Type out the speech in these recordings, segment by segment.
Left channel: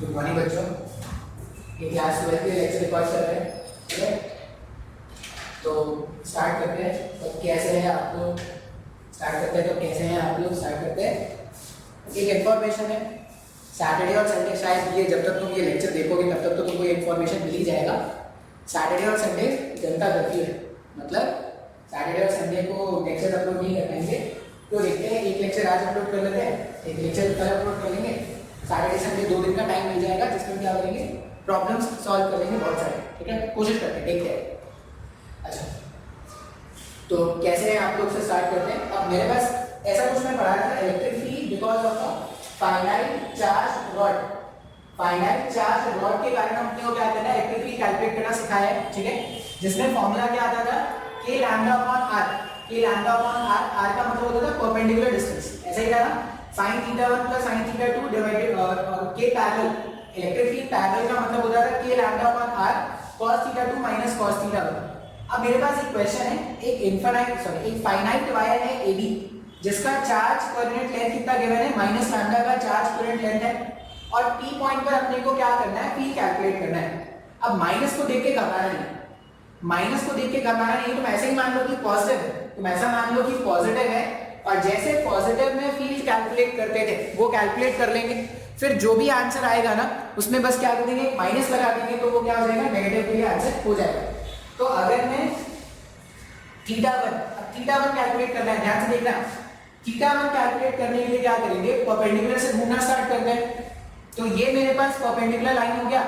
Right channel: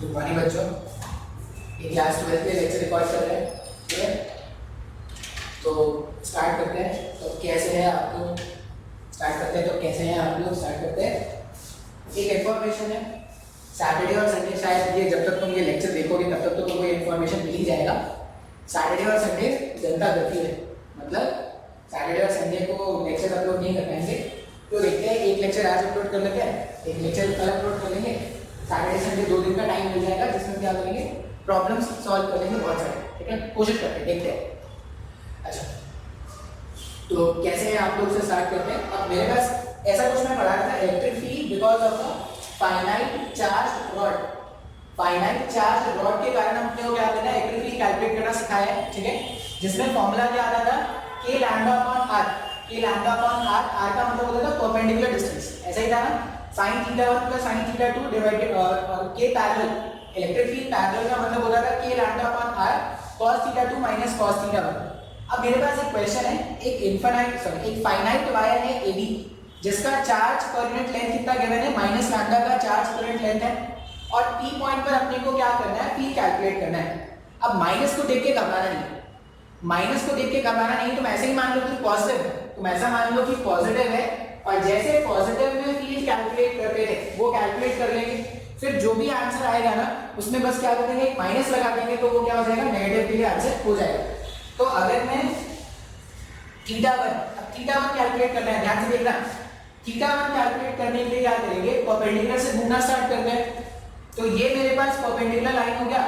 Good morning बच्चों, ये class 12 के लेक्चर रिकॉर्ड कर रहे हैं, ठीक है। तो स्टार्ट करते हैं। तो कैसे हैं आप लोग? स्टार्ट करते हैं। तो कैसे हैं आप लोग? स्टार्ट करते हैं। एक इन्फॉर्मेशन है, सैटरडे और संडे शायद ये जब तक तुम ये लेक्चर देखोगे तब तक तो तुमको ये इन्फॉर्मेशन मिल ही जाएगा। सैटरडे और संडे जनता करती है, मतलब सैटरडे और संडे को लेक्चर अपलोड नहीं कर पाएंगे। तो देखते हैं, एक लेक्चर आज अपलोड कर लेते हैं, एक लेक्चर कल अपलोड कर लेंगे। सैटरडे संडे 2 दिन का टाइम मिल जाएगा जिसमें क्या करेंगे, प्रॉब्लम्स सॉल्व कर लेंगे बहुत सारे, ठीक है। कोशिश करते हैं, देखते हैं। अच्छा, तो कैसे हैं आप लोग से स्टार्ट करते हैं। अब मेरे पास ऐसा कुछ मैं पढ़ा था, electric field because of a finite charge rod. Finite charge rod के कारण हमने को क्या करना है, इलेक्ट्रिक फील्ड कैलकुलेट करना सिखाया है, ठीक है। जिसमें फॉर्मूला क्या आता था, k lambda upon r। k lambda upon r का मतलब होता था परपेंडिकुलर डिस्टेंस, ऐसा ही था ना। sin theta 1 plus sin theta 2 divided और k parallel. Electric field parallel का मतलब होता था k lambda upon r cos theta 2 minus cos theta 1। अब मेरे पास एक क्वेश्चन है, एक फाइनाइट वायर है AB जिसका चार्ज पर यूनिट लेंथ कितना गिवन है, माइनस लैम्डा का चार्ज पर यूनिट लेंथ है, और P पॉइंट पर अपने को क्या करना है, P कैलकुलेट करना है। अब माइनस को देख के घबराना नहीं, माइनस को देख के घबराना नहीं। तुम ऐसे ही मान लो कि पॉजिटिव है, तुम ऐसा मान लो कि पॉजिटिव है, और जैसे पॉजिटिव में फील्ड कैलकुलेट करते थे वो कैलकुलेट कर लेंगे। फिर जो भी आंसर आएगा ना उसमें बस क्या करेंगे, माइनस लगा देंगे, तो वो क्या हो जाएगा, नेगेटिव के लिए आंसर हो जाएगा। तो अगर मैं थीटा 1, अब थीटा 1 कैलकुलेट करना है, ध्यान से देखना। थीटा 1 कैलकुलेट करने के लिए क्या करेंगे, परपेंडिकुलर से घूमना स्टार्ट करते हैं। तो ये मेरे पास परपेंडिकुलर लाइन हो गया।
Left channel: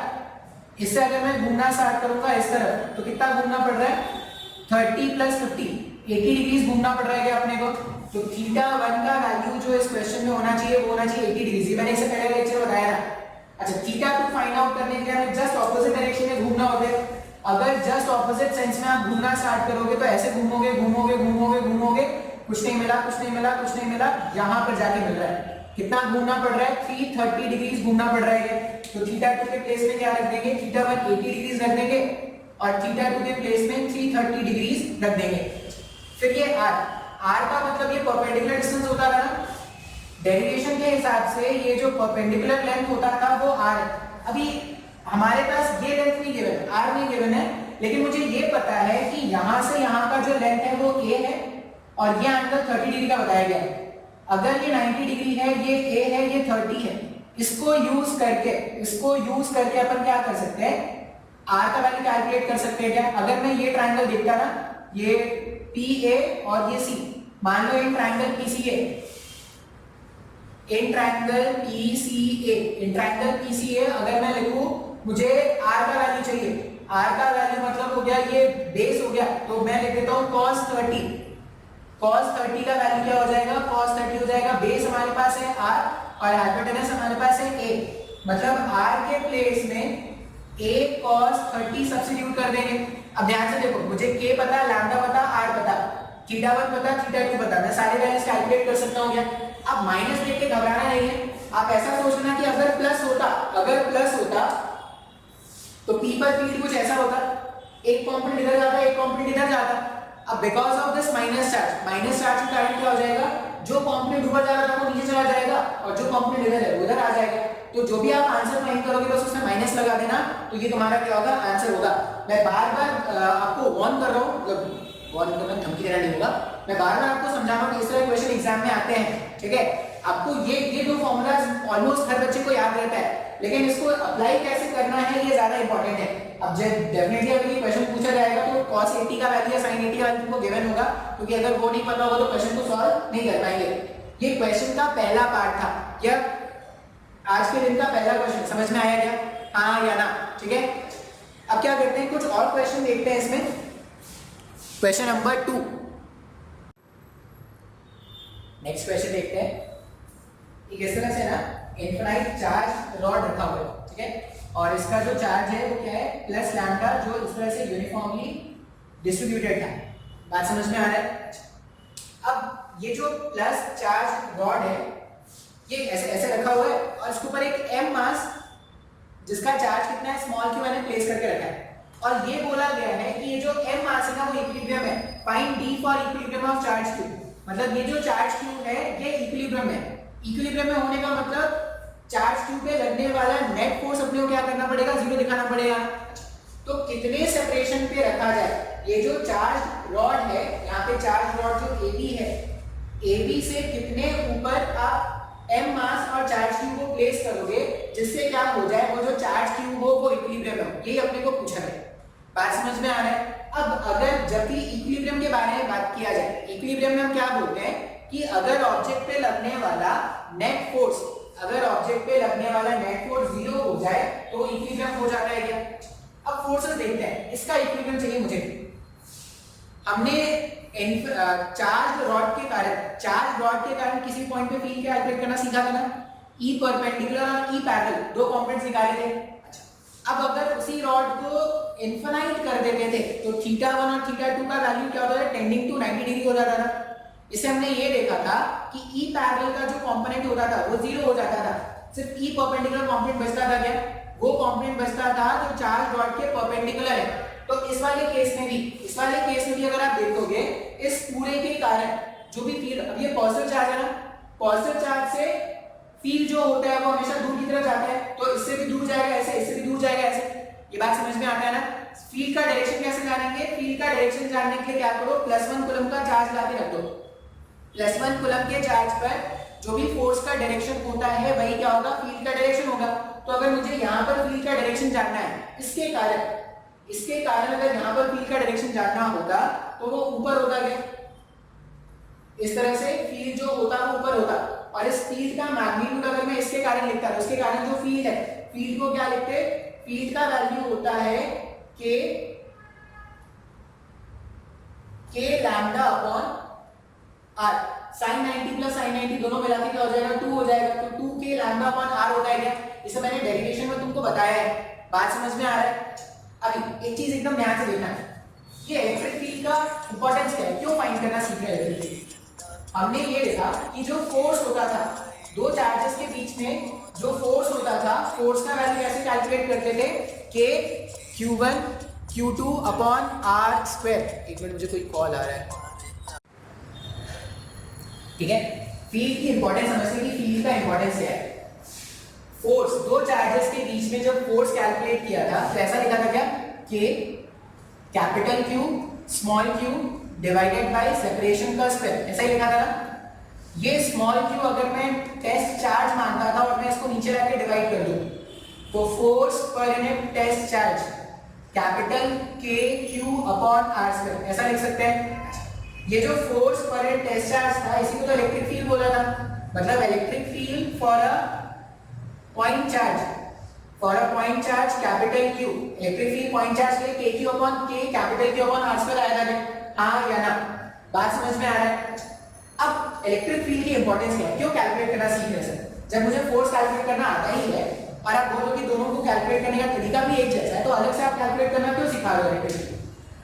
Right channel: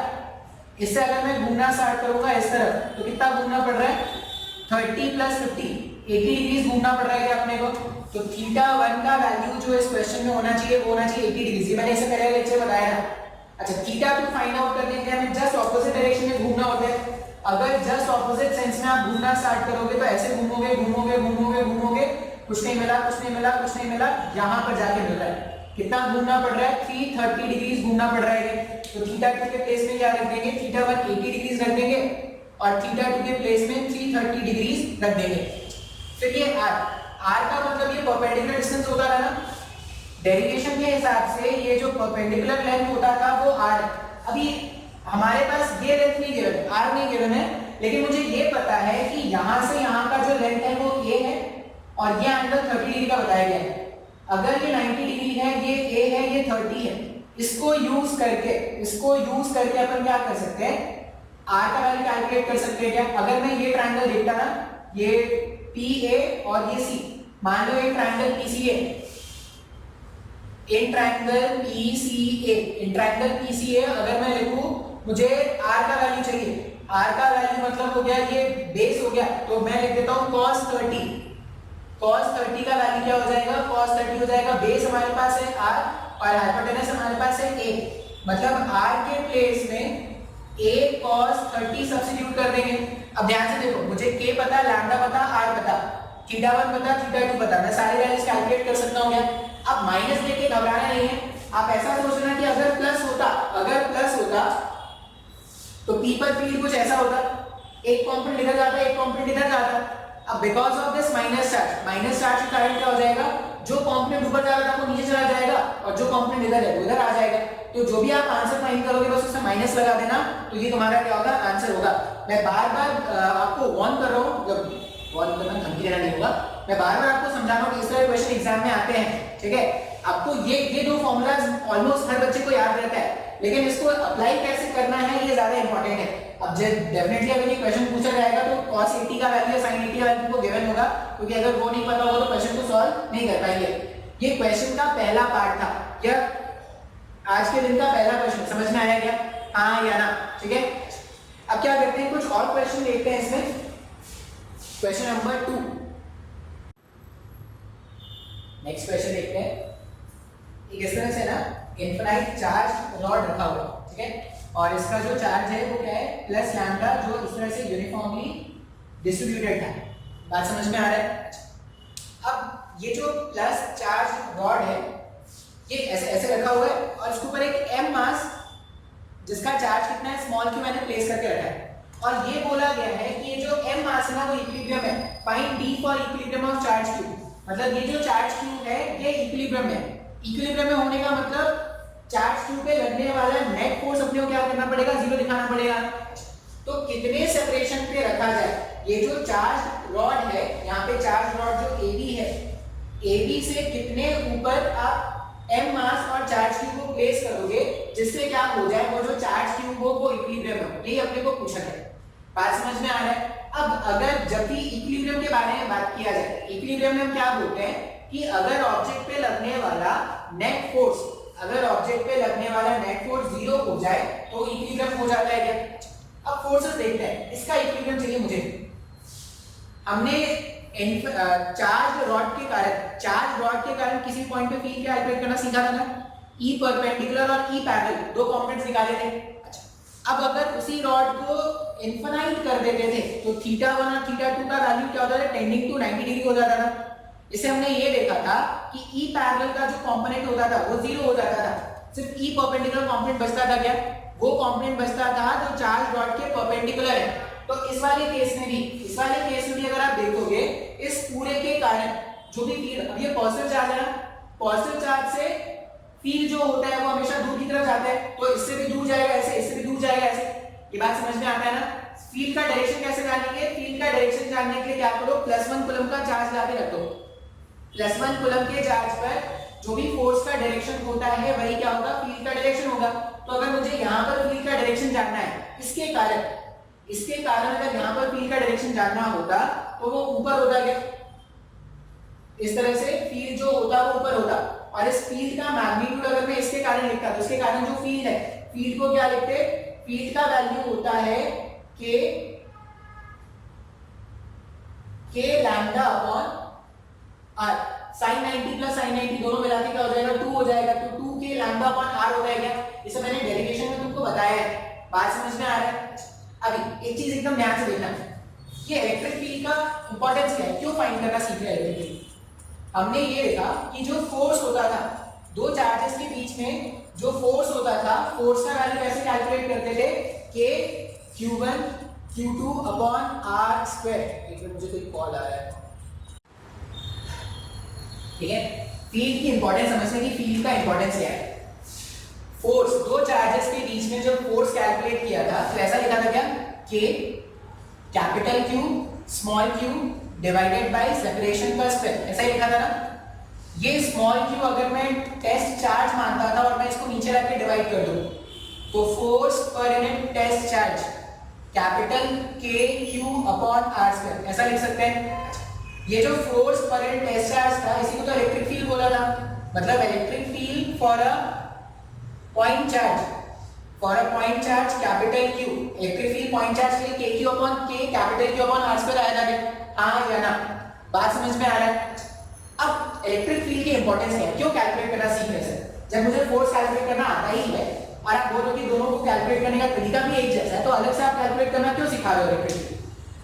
इससे अगर मैं घूमना स्टार्ट करूंगा इस तरफ, तो कितना घूमना पड़ रहा है, 30 प्लस 50, 80 डिग्रीज घूमना पड़ रहा है क्या अपने को। तो थीटा 1 का वैल्यू जो इस क्वेश्चन में होना चाहिए वो होना चाहिए 80 डिग्रीज। मैंने इससे पहले लेक्चर बताया था। अच्छा, थीटा 2 फाइंड आउट करने के लिए हमें जस्ट ऑपोजिट डायरेक्शन में घूमना होता है। अगर जस्ट ऑपोजिट सेंस में आप घूमना स्टार्ट करोगे तो ऐसे घूमोगे घूमोगे घूमोगे घूमोगे, कुछ नहीं मिला कुछ नहीं मिला कुछ नहीं मिला, यहां पर जाके मिल रहा है। कितना घूमना पड़ रहा है, 330 डिग्रीज घूमना पड़ रहा है। तो थीटा 2 के प्लेस में क्या रख देंगे, थीटा 1 80 डिग्रीज रख देंगे, और थीटा 2 के प्लेस में 330 डिग्रीज रख देंगे। फिर ये r का मतलब ये परपेंडिकुलर डिस्टेंस होता था ना, डेरिवेशन के हिसाब से ये जो परपेंडिकुलर लेंथ होता था वो r है। अभी हमारे पास ये लेंथ नहीं गिवन है, r नहीं गिवन है, लेकिन मुझे ये पता है कि यहां से यहां का जो लेंथ है वो a है, और ये एंगल 30 डिग्री का बताया गया है। अगर ये 90 डिग्री है, ये a है, ये 30 है, इसको यूज करके अपन क्या कर सकते हैं, r का वैल्यू कैलकुलेट कर सकते हैं क्या। अगर मैं ये ट्रायंगल देखता ना, ये PA और ये C, मान लो ये triangle PCA, in triangle PCA अगर मैं लिखूं, मुझे r का वैल्यू चाहिए। r का वैल्यू मतलब हो गया, ये बेस हो गया, तो मैं लिख देता हूं cos 30। cos 30 का वैल्यू क्या हो जाएगा, cos 30 हो जाएगा, बेस हमारे पास है r और हाइपोटेनस हमारे पास है a, मतलब r के प्लेस में a cos 30 सब्स्टिट्यूट कर देंगे। अब ध्यान से देखो, मुझे k पता, लैम्डा पता, r पता, थीटा 1 पता, थीटा 2 पता, मैं सारे वैल्यूज कैलकुलेट कर सकता हूं क्या। अब माइनस देख के घबराना नहीं है, आप ऐसा सोचना कि अगर प्लस होता तो p पर फील्ड कुछ ऐसा होता, एक कंपोनेंट इधर जाता, एक कंपोनेंट इधर जाता। अब because of this minus charge के कारण क्या हो जाएगा, जो कंपोनेंट ऊपर जा रहा था वो नीचे चला जाएगा, और जो कंपोनेंट इधर है वो इधर आ जाएगा। तो जो भी आप आंसर फाइंड करोगे बस उसमें माइनस लगा देना, तो ये तुम्हारा क्या होगा, आंसर होगा। मैं बार बार आपको वार्न कर रहा हूँ, मतलब वार्न करना धमकी देना नहीं होगा, मैं बार बार आपको समझा रहा हूँ कि इस तरह क्वेश्चन एग्जाम में आते हैं, ठीक है। आपको ये दो फॉर्मूलाज ऑलमोस्ट हर बच्चे को याद रहता है, लेकिन इसको अप्लाई कैसे करना है ये ज्यादा इंपॉर्टेंट है। अब डेफिनेटली अगर ये क्वेश्चन पूछा जाएगा तो cos 80 का वैल्यू या sin 80 का वैल्यू को गिवन होगा, क्योंकि अगर वो नहीं पता होगा तो क्वेश्चन को सॉल्व नहीं कर पाएंगे। ये क्वेश्चन का पहला पार्ट था क्या, आज के दिन का पहला क्वेश्चन समझ में आया क्या, हाँ या ना, ठीक है। अब क्या करते हैं, कुछ और क्वेश्चन देखते हैं इसमें। क्वेश्चन नंबर 2, नेक्स्ट क्वेश्चन देखते हैं। इस तरह से ना इनफाइनाइट चार्ज रॉड रखा हुआ है, ठीक है, और इसका जो चार्ज है वो क्या है, प्लस लैम्डा, जो इस तरह से यूनिफॉर्मली डिस्ट्रीब्यूटेड है। बात समझ में आ रहा है। अब ये जो प्लस चार्ज रॉड है ये ऐसे रखा हुआ है, और इसके ऊपर एक m मास जिसका चार्ज कितना है, स्मॉल q मैंने प्लेस करके रखा है, और ये बोला गया है कि ये जो m मास है ना वो इक्विलिब्रियम है। Find d for equilibrium of charge q, मतलब ये जो चार्ज q है ये इक्विलिब्रियम में, इक्विलिब्रियम में होने का मतलब चार्ज क्यू पे लगने वाला नेट फोर्स अपने को क्या करना पड़ेगा, 0 दिखाना पड़ेगा। तो कितने सेपरेशन पे रखा जाए, ये जो चार्ज रॉड है, यहाँ पे चार्ज रॉड जो AB है, AB से कितने ऊपर आप m मास और चार्ज क्यूब को प्लेस करोगे जिससे क्या हो जाए, वो जो चार्ज क्यूब हो वो इक्विलिब्रियम हो, यही अपने को पूछना है। बात समझ में आ रहा है। अब अगर जब भी इक्विलिब्रियम के बारे में बात किया जाए, इक्विलिब्रियम में हम क्या बोलते हैं कि अगर ऑब्जेक्ट पे लगने वाला नेट फोर्स, अगर ऑब्जेक्ट पे लगने वाला नेट फोर्स 0 हो जाए तो इक्विलिब्रियम हो जाता है क्या। अब फोर्सेस देखते हैं, इसका इक्विलिब्रियम चाहिए मुझे। हमने चार्ज रॉड के कारण किसी पॉइंट पे फील्ड कैलकुलेट करना सीखा था ना, ई परपेंडिकुलर और ई पैरेलल, दो कंपोनेंट्स निकाले थे। अच्छा, अब अगर उसी रॉड को इनफाइनाइट कर देते थे तो θ1 और θ2 का वैल्यू क्या होता था, टेंडिंग टू 90 डिग्री हो जाता था। इसे हमने ये देखा था कि ई पैरेलल का जो कंपोनेंट होता था वो 0 हो जाता था, सिर्फ ई परपेंडिकुलर कंपोनेंट बचता था। क्या वो कंपोनेंट बचता था जो चार्ज रॉड के परपेंडिकुलर है। तो इस वाले केस में भी अगर आप देखोगे, इस पूरे के कारण जो भी फील्ड, अब ये पॉजिटिव चार्ज है ना, पॉजिटिव चार्ज से फील्ड जो होता है वो हमेशा दूर की तरफ जाता है, तो इससे भी दूर जाएगा ऐसे, इससे भी दूर जाएगा ऐसे। ये बात समझ में आता है ना। फील्ड का डायरेक्शन कैसे जानेंगे, फील्ड का डायरेक्शन जानने के लिए क्या करो, +1 कूलम का चार्ज लाके रख दो। +1 कूलम के चार्ज पर जो भी फोर्स का डायरेक्शन होता है वही क्या होगा, फील्ड का डायरेक्शन होगा। तो अगर मुझे यहाँ पर फील्ड का डायरेक्शन जानना है, इसके कारण अगर यहाँ पर फील्ड का डायरेक्शन जानना होगा तो वो ऊपर होता है, इस तरह से फील्ड जो होता वो ऊपर होता। और इस फील्ड का मैग्नीट्यूड अगर मैं इसके कारण लिखता तो इसके कारण जो फील्ड है, फील्ड को क्या लिखते, फील्ड का वैल्यू होता है k lambda upon r। sin 90 plus sin 90 दोनों मिला के क्या हो जाएगा, 2 हो जाएगा। तो 2k लैम्डा अपॉन r होता है क्या, इसे मैंने डेरिवेशन में तुमको बताया है। बात समझ में आ रहा है। अभी एक चीज एकदम ध्यान से देखना है, ये इलेक्ट्रिक फील्ड का इंपॉर्टेंस क्या है, क्यों फाइंड करना सीख रहे हैं इलेक्ट्रिक फील्ड। हमने ये देखा कि जो फोर्स होता था दो चार्जेस के बीच में, जो फोर्स होता था, फोर्स का वैल्यू ऐसे कैलकुलेट करते थे k q1 q2 upon r square. एक मिनट, मुझे कोई कॉल आ रहा है, ठीक है। फील्ड की इंपॉर्टेंस समझने की, फील्ड का इंपॉर्टेंस क्या है। फोर्स, दो चार्जेस के बीच में जब फोर्स कैलकुलेट किया था तो ऐसा लिखा था क्या, k capital Q small q divided by separation का स्क्वायर, ऐसा ही लिखा था ना। ये स्मॉल q अगर मैं टेस्ट चार्ज मानता था और मैं इसको नीचे रख के डिवाइड कर दूं तो force per unit test charge capital KQ upon r square, ऐसा लिख सकते हैं। ये जो force per unit test charge था इसी को तो इलेक्ट्रिक फील्ड बोला था। मतलब electric field for a point charge, capital Q, electric field point charge के लिए KQ upon K capital Q upon r square आया था। हाँ या ना, बात समझ में आ रहा है। अब इलेक्ट्रिक फील्ड की इंपॉर्टेंस क्या है, क्यों कैलकुलेट करना सीख रहे हैं। जब मुझे फोर्स कैलकुलेट करना आता ही है और आप बोलो कि दोनों को कैलकुलेट करने का तरीका भी एक जैसा है, तो अलग से आप कैलकुलेट करना क्यों सिखा रहे हो इलेक्ट्रिक फील्ड।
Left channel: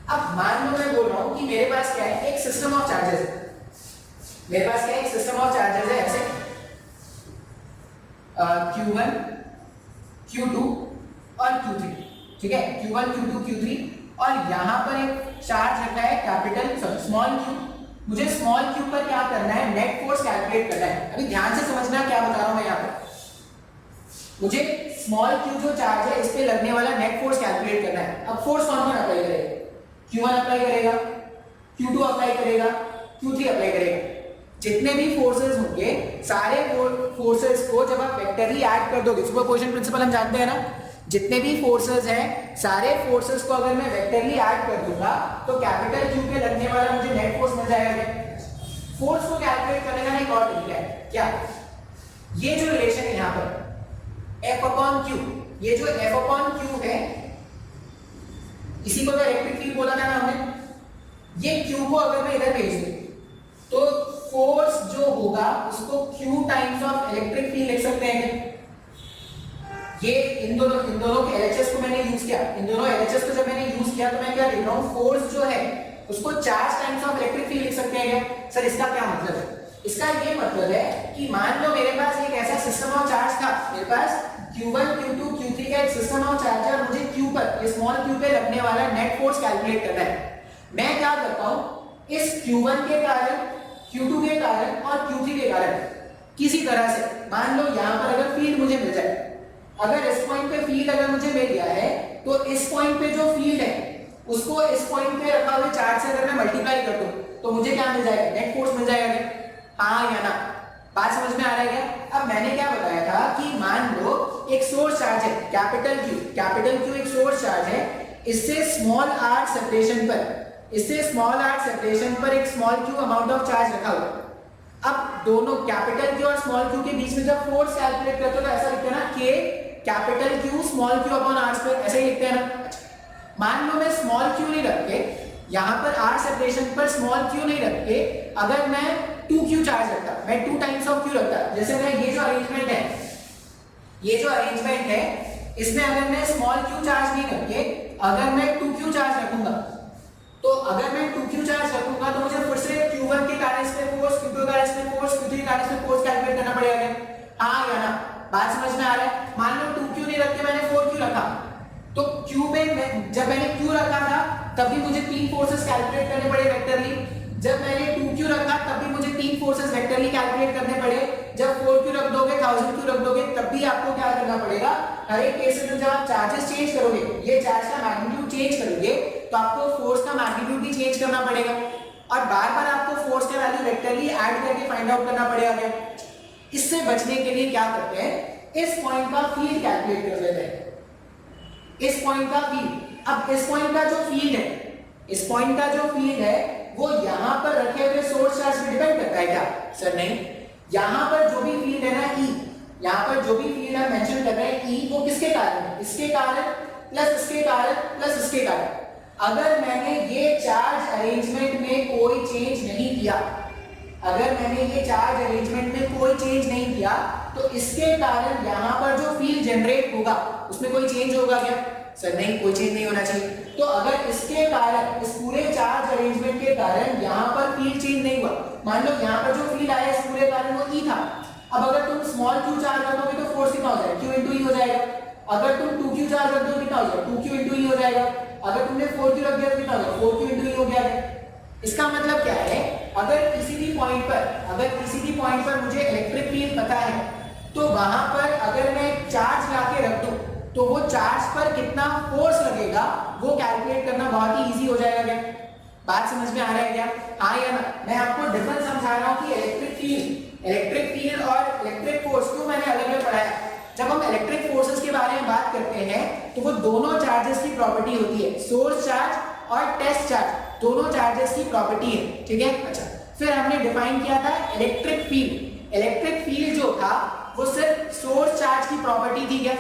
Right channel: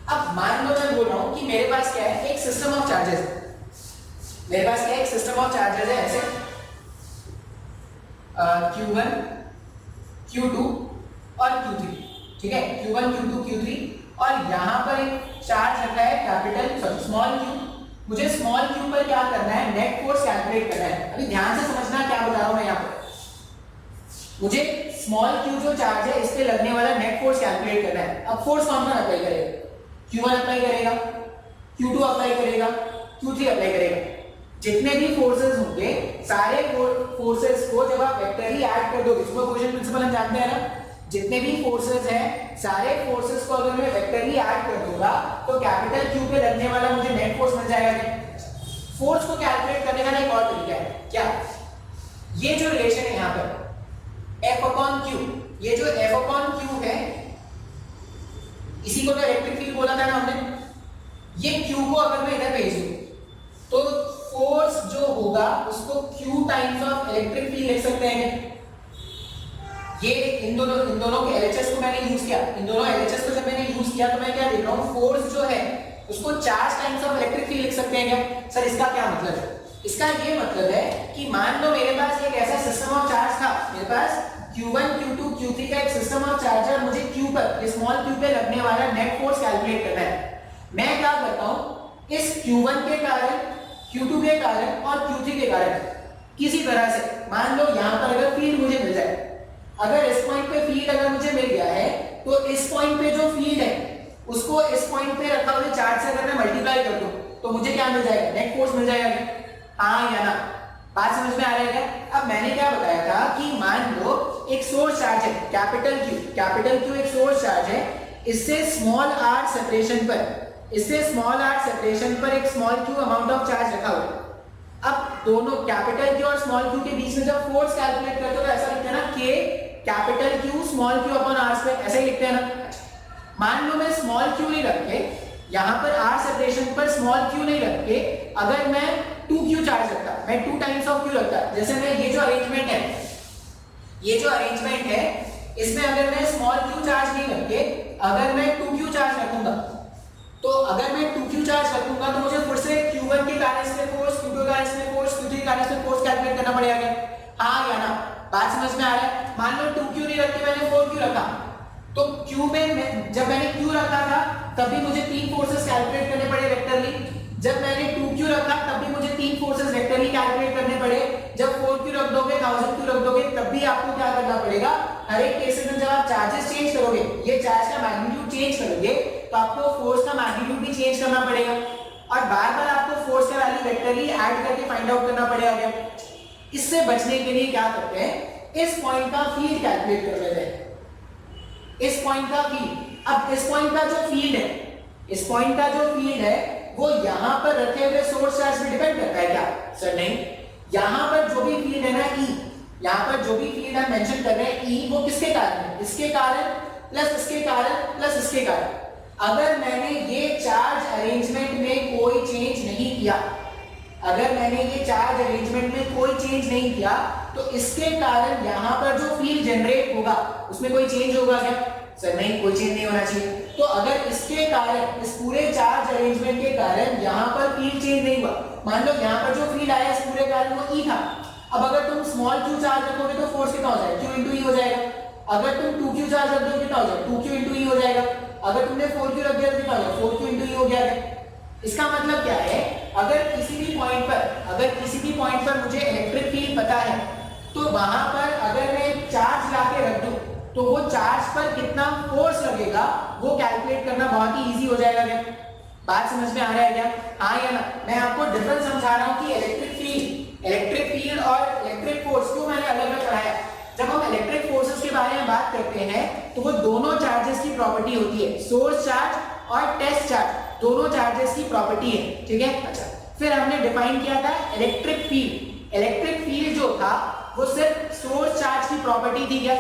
अब मान लो मैं बोल रहा हूं कि मेरे पास क्या है, एक सिस्टम ऑफ चार्जेस है, मेरे पास क्या है, एक सिस्टम ऑफ चार्जेस है ऐसे Q1 Q2 और Q3, ठीक है। Q1 Q2 Q3 और यहां पर एक चार्ज रखा है कैपिटल स्मॉल q। मुझे स्मॉल q पर क्या करना है, नेट फोर्स कैलकुलेट करना है। अभी ध्यान से समझना क्या बता रहा हूं मैं यहाँ पर। मुझे स्मॉल q जो चार्ज है इस पे लगने वाला नेट फोर्स कैलकुलेट करना है। अब फोर्स कौन कौन अप्लाई करेगा, Q1 अप्लाई करेगा, Q2 अप्लाई करेगा, Q3 अप्लाई करेगा। जितने भी फोर्सेस होंगे सारे फोर्सेस को जब आप वेक्टरली ऐड कर दोगे, सुपरपोजिशन प्रिंसिपल हम जानते हैं ना, जितने भी फोर्सेस हैं सारे फोर्सेस को अगर मैं वेक्टरली ऐड कर दूंगा तो कैपिटल Q पे लगने वाला मुझे नेट फोर्स मिल जाएगा। फोर्स को कैलकुलेट करने का एक और तरीका है, क्या, ये जो रिलेशन है यहाँ पर F अपॉन Q, ये जो F अपॉन Q है इसी को तो इलेक्ट्रिक फील्ड बोला था ना हमने। ये Q को अगर मैं इधर भेज दूं तो फोर्स जो होगा उसको Q times of electric field लिख सकते हैं। ये इन दोनों के LHS को मैंने यूज किया, इन दोनों LHS को जब मैंने यूज किया तो मैं क्या देख रहा हूं, फोर्स जो है उसको charge times of electric field लिख सकते हैं क्या। सर इसका क्या मतलब है, इसका ये मतलब है कि मान लो मेरे पास एक ऐसा सिस्टम ऑफ चार्ज था, मेरे पास Q1 Q2 Q3 का एक सिस्टम ऑफ चार्ज है, मुझे Q पर, स्मॉल q पे लगने वाला नेट फोर्स कैलकुलेट करना है। मैं क्या करता हूं, इस Q1 के कारण, Q2 के कारण और Q3 के कारण किसी तरह से मान लो यहाँ पर अगर फील्ड मुझे मिल जाए, अगर इस पॉइंट पे फील्ड अगर मुझे मिल गया है तो इस पॉइंट पे जो फील्ड है उसको इस पॉइंट पे रखा हुए चार्ज से अगर मैं मल्टीप्लाई कर दूं तो मुझे क्या मिल जाएगा, नेट फोर्स मिल जाएगा क्या? हाँ या ना? बात समझ में आ रहा है क्या? अब मैंने क्या बताया था कि मान लो एक सोर्स चार्ज है कैपिटल Q एक सोर्स चार्ज है, इससे स्मॉल r सेपरेशन पर, इससे स्मॉल r सेपरेशन पर एक small q amount of charge रखा हुआ है। अब दोनों कैपिटल Q और स्मॉल q के बीच में जब फोर्स कैलकुलेट करते हो तो ऐसा लिखते हैं ना K capital Q small q upon r square, ऐसा ही लिखते हैं ना। मान लो मैं स्मॉल q नहीं रख के यहाँ पर r सेपरेशन पर स्मॉल q नहीं रख के अगर मैं 2q चार्ज रखता, मैं 2 टाइम्स ऑफ q रखता, जैसे मैं ये जो अरेंजमेंट है इसमें अगर मैं स्मॉल q चार्ज नहीं रख के अगर मैं 2q चार्ज रखूंगा, तो अगर मैं 2q चार्ज रखूंगा तो मुझे फिर से q1 के कारण से फोर्स, q2 के कारण से फोर्स, q3 के कारण से फोर्स कैलकुलेट करना पड़ेगा। हाँ या ना? बात समझ में आ रहा है? मान लो 2q नहीं रख के मैंने 4q रखा, तो q में जब मैंने q रखा था तब भी मुझे 3 फोर्सेस कैलकुलेट करने पड़े वेक्टरली, जब मैंने 2q रखा तब भी मुझे 3 फोर्सेस वेक्टरली कैलकुलेट करने पड़े, जब 4q रख दोगे 1000q रख दोगे तब भी आपको क्या करना पड़ेगा, हर एक केस में जब आप चार्जेस चेंज करोगे, ये चार्ज का मैग्नीट्यूड चेंज करोगे तो आपको फोर्स का मैग्नीट्यूड भी चेंज करना पड़ेगा और बार-बार आपको फोर्स का वैल्यू वेक्टरली ऐड करके फाइंड आउट करना पड़ेगा। इससे बचने के लिए क्या करते हैं, इस पॉइंट का फील्ड कैलकुलेट कर लेते हैं, इस पॉइंट का फील्ड। अब इस पॉइंट का जो फील्ड है, इस पॉइंट का जो फील्ड है वो यहां पर रखे हुए सोर्स चार्ज पे डिपेंड करता है क्या? सर नहीं, यहां पर जो भी फील्ड है ना E, यहां पर जो भी फील्ड हम मेंशन कर रहे हैं E, वो किसके कारण है? इसके कारण प्लस इसके कारण प्लस इसके कारण। अगर मैंने ये चार्ज अरेंजमेंट में कोई चेंज नहीं किया, अगर मैंने ये चार्ज अरेंजमेंट में कोई चेंज नहीं किया तो इसके कारण यहां पर जो फील्ड जनरेट होगा उसमें कोई चेंज होगा क्या? सर नहीं, कोई चेंज नहीं होना चाहिए। तो अगर इसके कारण, इस पूरे चार्ज अरेंजमेंट के कारण यहां पर फील्ड चेंज नहीं हुआ, मान लो यहां पर जो फील्ड आया इस पूरे कारण वो E था, अब अगर तुम स्मॉल q चार्ज रखोगे तो फोर्स कितना हो जाएगा? q into E हो जाएगा। अगर तुम 2q चार्ज रख दोगे कितना हो जाएगा? 2q into E हो जाएगा। अगर तुमने 4q रख दिया तो कितना हो जाएगा? 4q into E हो गया। इसका मतलब क्या है, अगर किसी भी पॉइंट पर मुझे इलेक्ट्रिक फील्ड पता है तो वहां पर अगर मैं एक चार्ज लाके रख दूं तो वो चार्ज पर कितना फोर्स लगेगा वो कैलकुलेट करना बहुत ही इजी हो जाएगा। क्या बात समझ में आ रहा है क्या? हाँ या ना? मैं आपको डिफरेंस समझा रहा हूँ कि इलेक्ट्रिक फील्ड और इलेक्ट्रिक फोर्स क्यों मैंने अलग अलग पढ़ाया। जब हम इलेक्ट्रिक फोर्सेस के बारे में बात करते हैं तो वो दोनों चार्जेस की प्रॉपर्टी होती है, सोर्स चार्ज और टेस्ट चार्ज, दोनों चार्जेस की प्रॉपर्टी है। ठीक है, अच्छा फिर हमने डिफाइन किया था इलेक्ट्रिक फील्ड। इलेक्ट्रिक फील्ड जो था वो सिर्फ सोर्स चार्ज की प्रॉपर्टी थी क्या?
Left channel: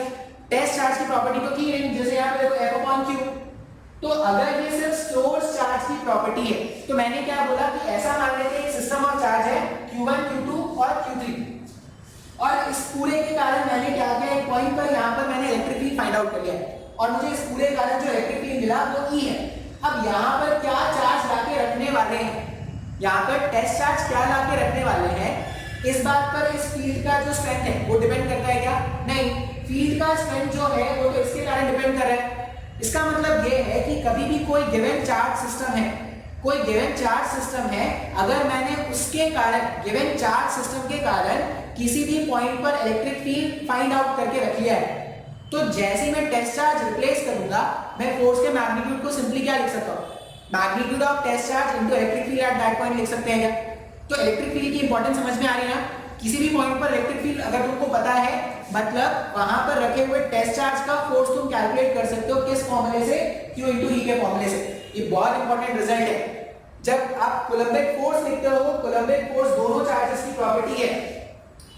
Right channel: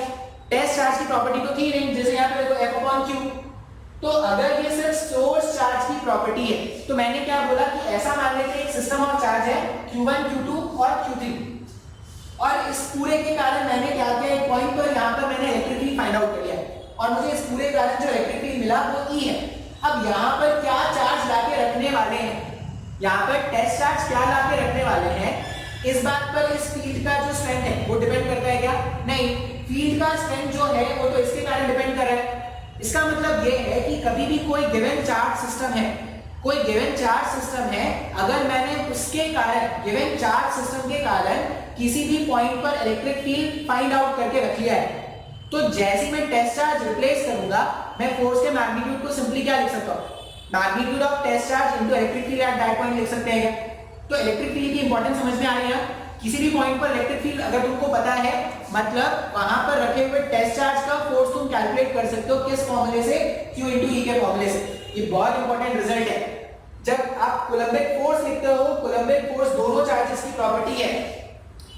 टेस्ट चार्ज की प्रॉपर्टी तो थी नहीं, जैसे यहाँ पे देखो F/Q। तो अगर ये सिर्फ सोर्स चार्ज की प्रॉपर्टी है तो मैंने क्या बोला कि ऐसा मान लेते हैं सिस्टम ऑफ चार्ज है Q1 Q2 और Q3 और इस पूरे के कारण मैंने क्या किया, एक पॉइंट पर यहाँ पर मैंने इलेक्ट्रिक फील्ड फाइंड आउट कर लिया और मुझे इस पूरे कारण जो इलेक्ट्रिक फील्ड मिला वो E है। अब यहाँ पर क्या चार्ज लाके रखने वाले हैं, यहाँ पर टेस्ट चार्ज क्या लाके रखने वाले हैं, इस बात पर इस फील्ड का जो स्ट्रेंथ है वो डिपेंड करता है क्या? नहीं, फील्ड का स्ट्रेंथ जो है वो तो इसके कारण डिपेंड कर रहा है। इसका मतलब ये है कि कभी भी कोई गिवन चार्ज सिस्टम है, कोई गिवन चार्ज सिस्टम है, अगर मैंने उसके कारण, गिवन चार्ज सिस्टम के कारण किसी भी पॉइंट पर इलेक्ट्रिक फील्ड फाइंड आउट करके रख लिया है, तो जैसे मैं टेस्ट चार्ज रिप्लेस करूंगा मैं फोर्स के मैग्नीट्यूड को सिंपली क्या लिख सकता हूं, magnitude of test charge into electric field at that point लिख सकते हैं क्या? तो इलेक्ट्रिक फील्ड की इंपॉर्टेंस समझ में आ रही है। किसी भी पॉइंट पर इलेक्ट्रिक फील्ड अगर तुमको पता है, मतलब वहां पर रखे हुए टेस्ट चार्ज का फोर्स तुम कैलकुलेट कर सकते हो किस फॉर्मूले से? Q into E के फॉर्मूले से। ये बहुत इंपॉर्टेंट रिजल्ट है। जब आप कूलम्बिक फोर्स लिखते हो, कूलम्बिक फोर्स दोनों चार्जेस की प्रॉपर्टी है,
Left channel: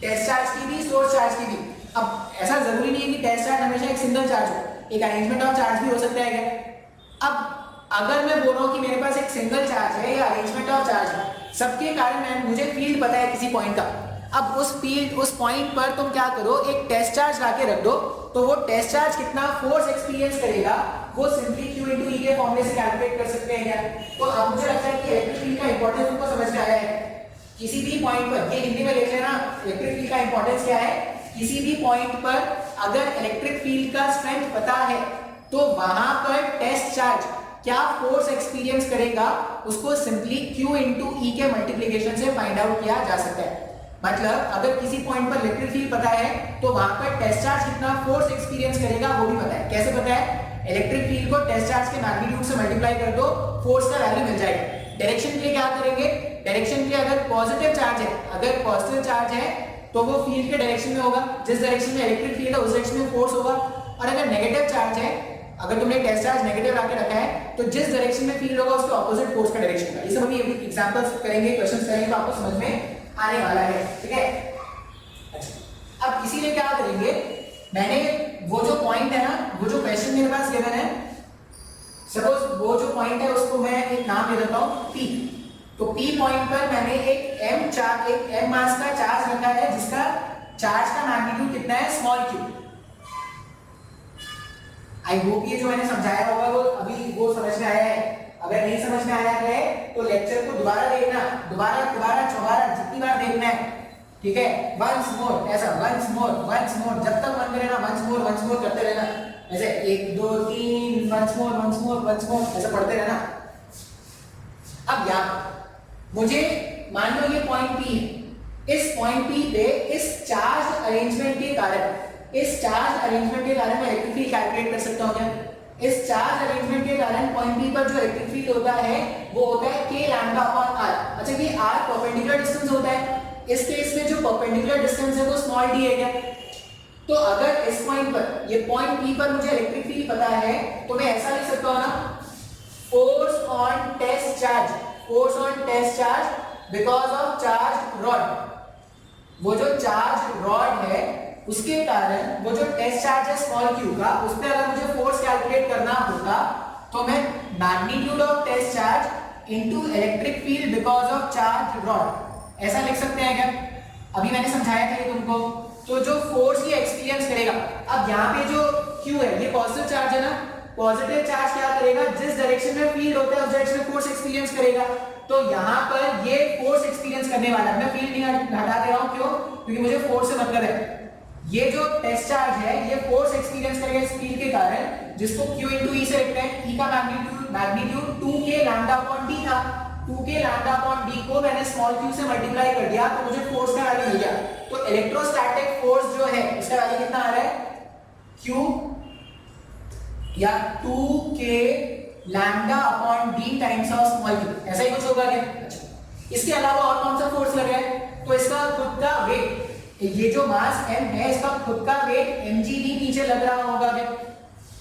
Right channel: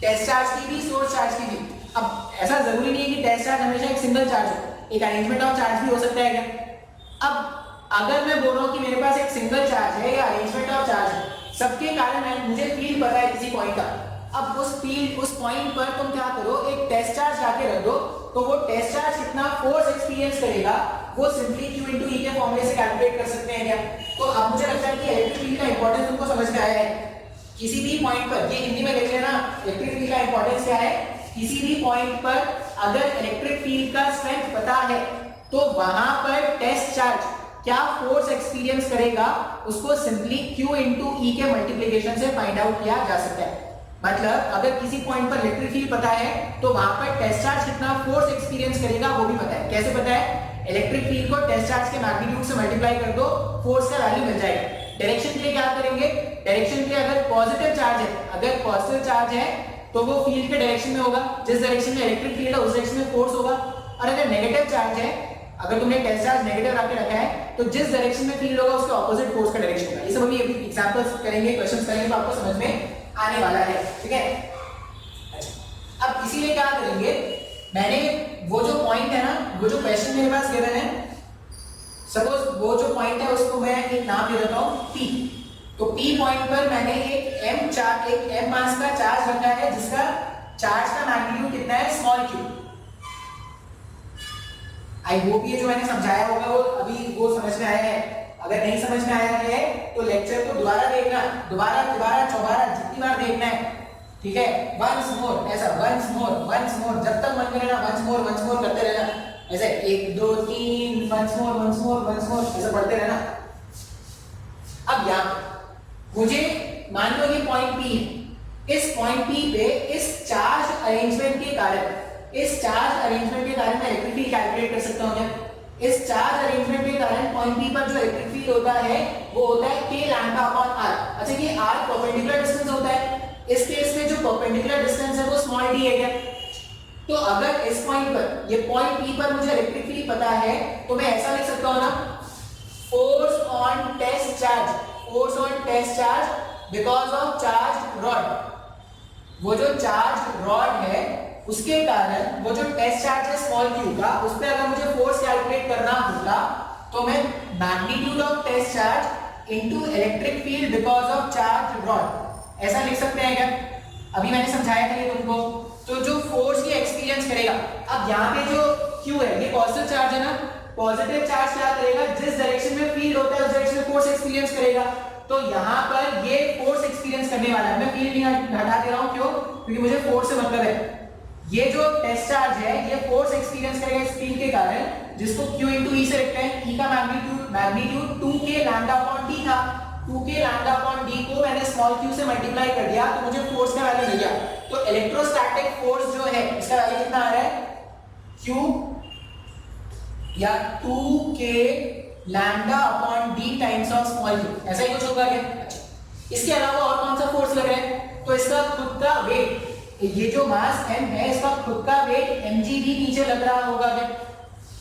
टेस्ट चार्ज की भी, सोर्स चार्ज की भी। अब ऐसा जरूरी नहीं है कि टेस्ट चार्ज हमेशा एक सिंगल चार्ज हो, एक अरेंजमेंट ऑफ चार्ज भी हो सकता है क्या? अब अगर मैं बोल रहा हूं कि मेरे पास एक सिंगल चार्ज है या अरेंजमेंट ऑफ चार्ज है, सबके कारण मुझे फील्ड पता है किसी पॉइंट का, अब उस फील्ड, उस पॉइंट पर तुम क्या करो, एक टेस्ट चार्ज लाके रख दो, तो वो टेस्ट चार्ज कितना फोर्स एक्सपीरियंस करेगा वो सिंपली Q into E के फॉर्मूले से कैलकुलेट कर सकते हैं क्या? तो अब मुझे लगता है कि इलेक्ट्रिक फील्ड का इंपॉर्टेंस तुमको समझ में आया है। किसी भी पॉइंट पर, ये हिंदी में देख लेना, इलेक्ट्रिक फील्ड का इंपॉर्टेंस क्या है, किसी भी पॉइंट पर अगर इलेक्ट्रिक फील्ड का स्ट्रेंथ पता है तो वहां पर टेस्ट चार्ज क्या फोर्स एक्सपीरियंस करेगा उसको सिंपली Q into E के मल्टीप्लिकेशन से फाइंड आउट किया जा सकता है। मतलब अगर किसी पॉइंट पर इलेक्ट्रिक फील्ड पता है तो वहां पर टेस्ट चार्ज कितना फोर्स एक्सपीरियंस करेगा वो भी पता है। कैसे पता है? इलेक्ट्रिक फील्ड को टेस्ट चार्ज के मैग्नीट्यूड से मल्टीप्लाई कर दो, फोर्स का वैल्यू मिल जाएगा। डायरेक्शन के लिए क्या करेंगे? डायरेक्शन के लिए अगर पॉजिटिव चार्ज है, अगर पॉजिटिव चार्ज है तो वो फील्ड के डायरेक्शन में होगा, जिस डायरेक्शन में इलेक्ट्रिक फील्ड है उस डायरेक्शन में फोर्स होगा। और अगर नेगेटिव चार्ज है, अगर तुमने टेस्ट चार्ज नेगेटिव रख के रखा है तो जिस डायरेक्शन में फील्ड होगा उसके ऑपोजिट फोर्स का डायरेक्शन होगा। ये सब अभी एग्जांपल्स करेंगे, क्वेश्चंस करेंगे तो आपको समझ में आने वाला है, ठीक है। अच्छा, अब इसीलिए क्या करेंगे, मैंने वो जो पॉइंट है ना, वो जो क्वेश्चन मेरे पास गिवन है, सपोज वो जो पॉइंट है उसको मैं एक नाम दे देता हूं P। तो P पॉइंट पर मैंने एक M मास का चार्ज रखा है जिसका चार्ज का मैग्नीट्यूड कितना है, स्मॉल q। आई होप ये जो मैंने समझाया होगा वो अभी वो समझ में आया है। अगर नहीं समझ में आया है तो लेक्चर को दोबारा देखना, दोबारा चौबारा जितनी बार देखना है, ठीक है। वंस मोर, ऐसा वंस मोर जब तक मन करे ना वंस मोर करते रहना। ऐसे 1 2 3 वंस मोर ऐसे पढ़ते रहना। अब यहाँ मुझे मान लो ये पॉइंट P है, इस पॉइंट P पे इस चार्ज अरेंजमेंट के कारण मैं इलेक्ट्रिक फील्ड कैलकुलेट कर सकता हूं क्या? इस चार्ज अरेंजमेंट के कारण पॉइंट P पर जो इलेक्ट्रिक फील्ड होता है वो होता है k लैम्डा अपॉन r। अच्छा, ये r परपेंडिकुलर डिस्टेंस होता है, इस केस में जो परपेंडिकुलर डिस्टेंस है वो स्मॉल d है क्या? तो अगर इस पॉइंट पर, ये पॉइंट P पर मुझे इलेक्ट्रिक फील्ड पता है तो मैं ऐसा लिख सकता हूं ना, force on test charge because of charge rod. वो जो चार्ज रॉड है उसके कारण वो जो टेस्ट चार्ज है स्मॉल q का, उस पर अगर मुझे फोर्स कैलकुलेट करना होता तो मैं magnitude of test charge into electric field because of charge rod ऐसा लिख सकते हैं क्या? अभी मैंने समझाया था ये तुमको। तो जो फोर्स ये एक्सपीरियंस करेगा, अब यहाँ पे जो q है ये पॉजिटिव चार्ज है ना, पॉजिटिव चार्ज क्या करेगा, जिस डायरेक्शन में फील्ड होता है उस डायरेक्शन में फोर्स एक्सपीरियंस करेगा। तो यहाँ पर ये फोर्स एक्सपीरियंस करने वाला है, मैं फील्ड नहीं हटा दे रहा हूँ, क्यों? क्योंकि मुझे फोर्स से मतलब है। ये जो टेस्ट चार्ज है ये फोर्स एक्सपीरियंस करेगा इस फील्ड के कारण, जिसको q into e से लिखते हैं। e का magnitude 2k lambda upon d था, 2k लैम्डा अपॉन d को मैंने स्मॉल q से मल्टीप्लाई कर दिया तो मुझे फोर्स का वैल्यू मिल गया। तो इलेक्ट्रोस्टैटिक फोर्स जो है इसका वैल्यू कितना आ रहा है, q या 2k lambda upon d times of small q, ऐसा ही कुछ होगा क्या? अच्छा, इसके अलावा और कौन सा फोर्स लग रहा है? तो इसका खुद का वेट, ये जो मास m है इसका खुद का वेट mg भी नीचे लग रहा होगा क्या?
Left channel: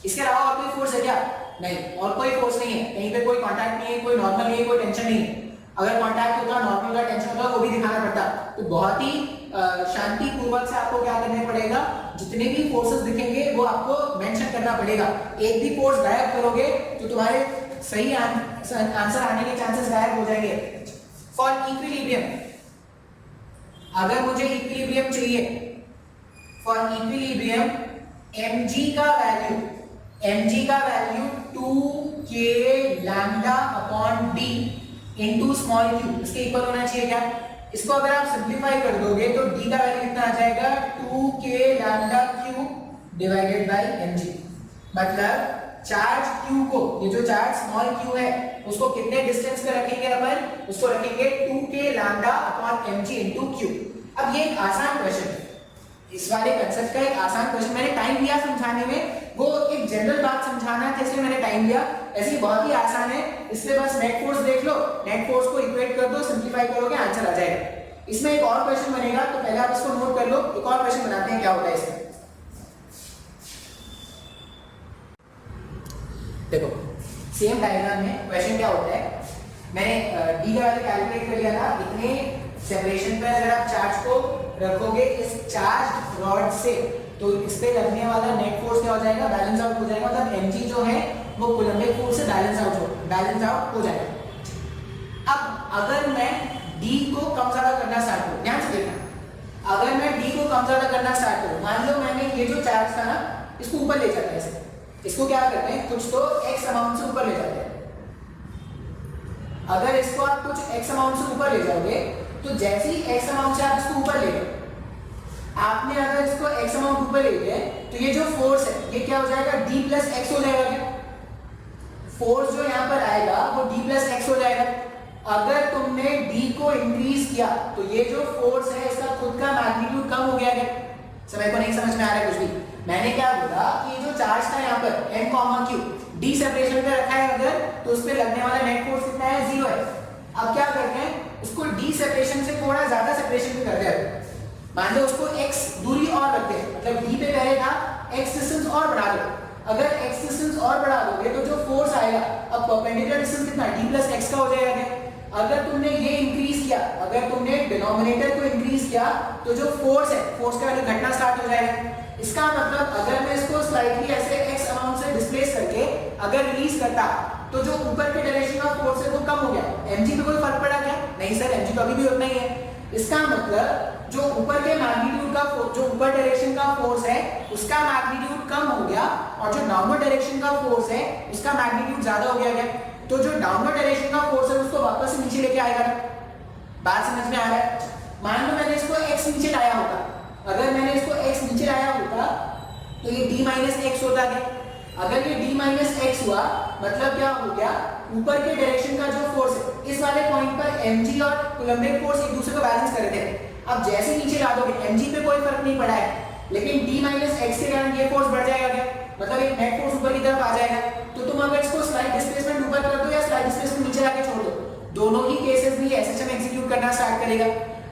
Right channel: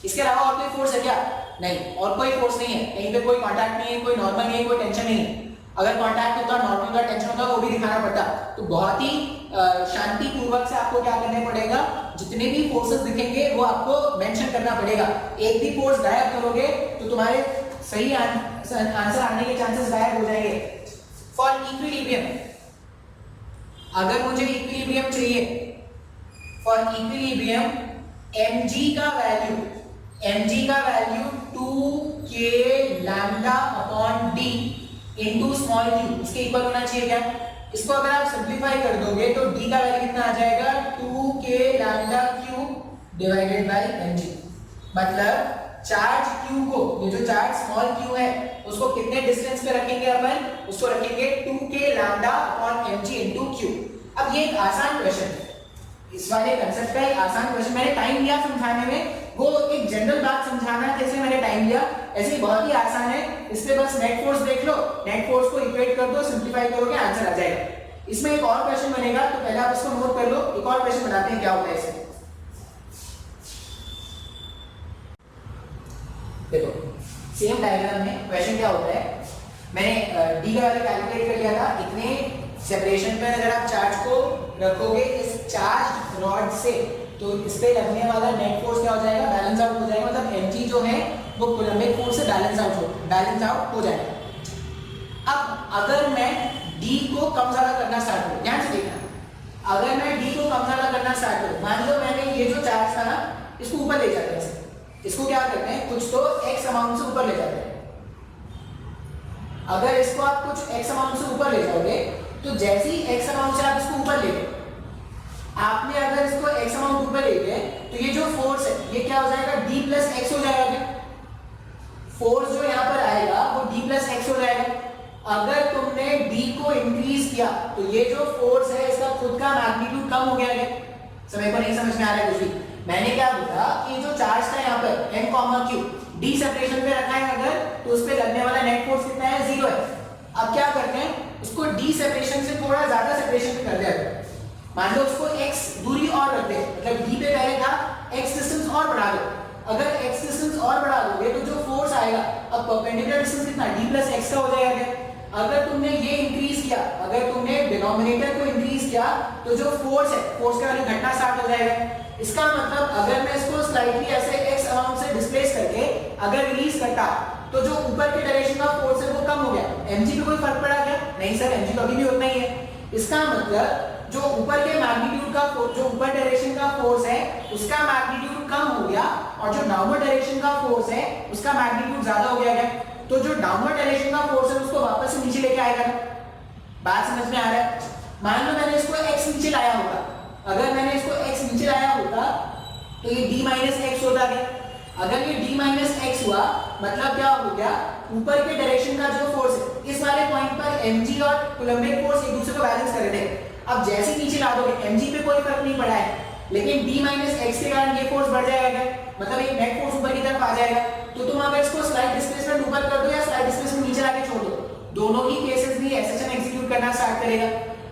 इसके अलावा और कोई फोर्स है क्या? नहीं, और कोई फोर्स नहीं है, कहीं पे कोई कांटेक्ट नहीं है, कोई नॉर्मल नहीं है, कोई टेंशन नहीं है। अगर कांटेक्ट होता, नॉर्मल का टेंशन होता वो भी दिखाना पड़ता। तो बहुत ही शांति पूर्वक से आपको क्या करना पड़ेगा, जितने भी फोर्सेस दिखेंगे वो आपको मेंशन करना पड़ेगा। एक भी फोर्स गायब करोगे तो तुम्हारे सही आंसर आने के चांसेस गायब हो जाएंगे। फॉर इक्विलिब्रियम, अगर मुझे इक्विलिब्रियम चाहिए, फॉर इक्विलिब्रियम mg का value 2k lambda upon d into small q इसके इक्वल होना चाहिए क्या? इसको अगर आप सिंपलीफाई कर दोगे तो d का वैल्यू कितना आ जाएगा, 2k lambda q divided by mg। मतलब चार्ज q को, ये जो चार्ज स्मॉल q है उसको कितने डिस्टेंस पे रखेंगे अपन, उसको रखेंगे 2k lambda upon mg into q। अब ये एक आसान क्वेश्चन है, इस वाले कांसेप्ट का एक आसान क्वेश्चन, मैंने टाइम लिया समझाने में, वो एक जनरल बात समझाना है इसलिए मैंने टाइम लिया। ऐसे बहुत ही आसान है, इस पे बस नेट फोर्स देख लो, नेट फोर्स को इक्वेट कर दो, सिंपलीफाई करोगे आंसर आ जाएगा। इसमें एक और क्वेश्चन बनेगा तो पहले आप इसको नोट कर लो, एक और क्वेश्चन बनाते हैं क्या होता है इसमें। देखो सेम डायग्राम में क्वेश्चन क्या होता है, मैंने डी का वैल्यू कैलकुलेट कर लिया था, इतने सेपरेशन पे अगर आप चार्ज को रखोगे इस चार्ज रॉड से तो इस पे लगने वाला नेट फोर्स क्या हो जाएगा, बैलेंस आउट हो जाएगा। मतलब mg जो है वो कूलम्बिक फोर्स से बैलेंस आउट हो जाएगा। अब अगर मैं d को कम ज्यादा करना स्टार्ट करूं, ध्यान से देखना, अगर मैं d को कम ज्यादा करना स्टार्ट करूं, मान लो मैंने ये जो चार्ज था ना इसको ऊपर ले जाते हैं, इसको क्या करते हैं, कुछ तो x अमाउंट से ऊपर ले जाते हैं। अगर इसको आप कुछ x अमाउंट से ऊपर ले जाओगे तो जैसे ही x अमाउंट से आप इसको ऊपर ले गए, आपने अगर इसको x अमाउंट ऊपर ले गए तो ये जो फोर्स है ये क्या हो जाएगा, d प्लस x हो जाएगा। फोर्स जो यहाँ पर आएगा वो d प्लस x हो जाएगा। अगर तुमने d को इंक्रीज किया तो ये जो फोर्स है इसका खुद का मैग्नीट्यूड कम हो गया है। समय को नहीं समझ में आ रहा है कुछ भी। मैंने क्या बोला कि ये जो चार्ज था यहाँ पर n, q d सेपरेशन पे रखा है अगर, तो उस पे लगने वाला नेट फोर्स कितना है, 0 है। अब क्या करते हैं, उसको d सेपरेशन से थोड़ा ज्यादा सेपरेशन पे कर दिया। मान लो उसको x दूरी और रखते हैं, मतलब d पे पहले था, x डिस्टेंस और बढ़ा दो। अगर x डिस्टेंस और बढ़ा दोगे तो जो फोर्स आएगा, अब परपेंडिकुलर डिस्टेंस कितना d प्लस x का हो जाएगा। अगर तुमने ये इंक्रीज किया, अगर तुमने डिनोमिनेटर को इंक्रीज किया तो जो फोर्स है, फोर्स का वैल्यू घटना स्टार्ट हो जाएगा। इसका मतलब अगर मैं इसको स्लाइटली ऐसे x अमाउंट से डिस्प्लेस करके अगर रिलीज करता तो जो ऊपर के डायरेक्शन का फोर्स है वो कम हो गया। mg पे कोई फर्क पड़ा क्या? नहीं सर, mg तो अभी भी उतना ही है। इसका मतलब जो ऊपर के मैग्नीट्यूड का जो ऊपर डायरेक्शन का फोर्स है उसका मैग्नीट्यूड कम हो गया और जो डाउनवर्ड डायरेक्शन का फोर्स है उसका मैग्नीट्यूड ज्यादा हो गया। तो जो डाउनवर्ड डायरेक्शन का फोर्स है उसको वापस से नीचे लेके आएगा। बात समझ में आ रहा है? मान लो मैंने इसको x नीचे लाया होता, अगर मैंने इसको x नीचे लाया होता तो ये d माइनस एक्स होता है। अगर ये d माइनस एक्स हुआ मतलब क्या हो गया, ऊपर के डायरेक्शन का जो फोर्स है इस वाले पॉइंट पर mg और कूलम्बिक फोर्स एक दूसरे को बैलेंस कर रहे थे। अब जैसे नीचे ला दोगे mg पे कोई फर्क नहीं पड़ा है, लेकिन d माइनस एक्स के कारण ये फोर्स बढ़ जाएगा क्या, मतलब एक नेट फोर्स ऊपर की तरफ आ जाएगा। तो तुम अगर इसको स्लाइड डिस्प्लेसमेंट ऊपर कर दो या स्लाइड डिस्प्लेसमेंट नीचे लाके छोड़ दो, दोनों ही केसेस में एसएचएम एग्जीक्यूट करना स्टार्ट करेगा।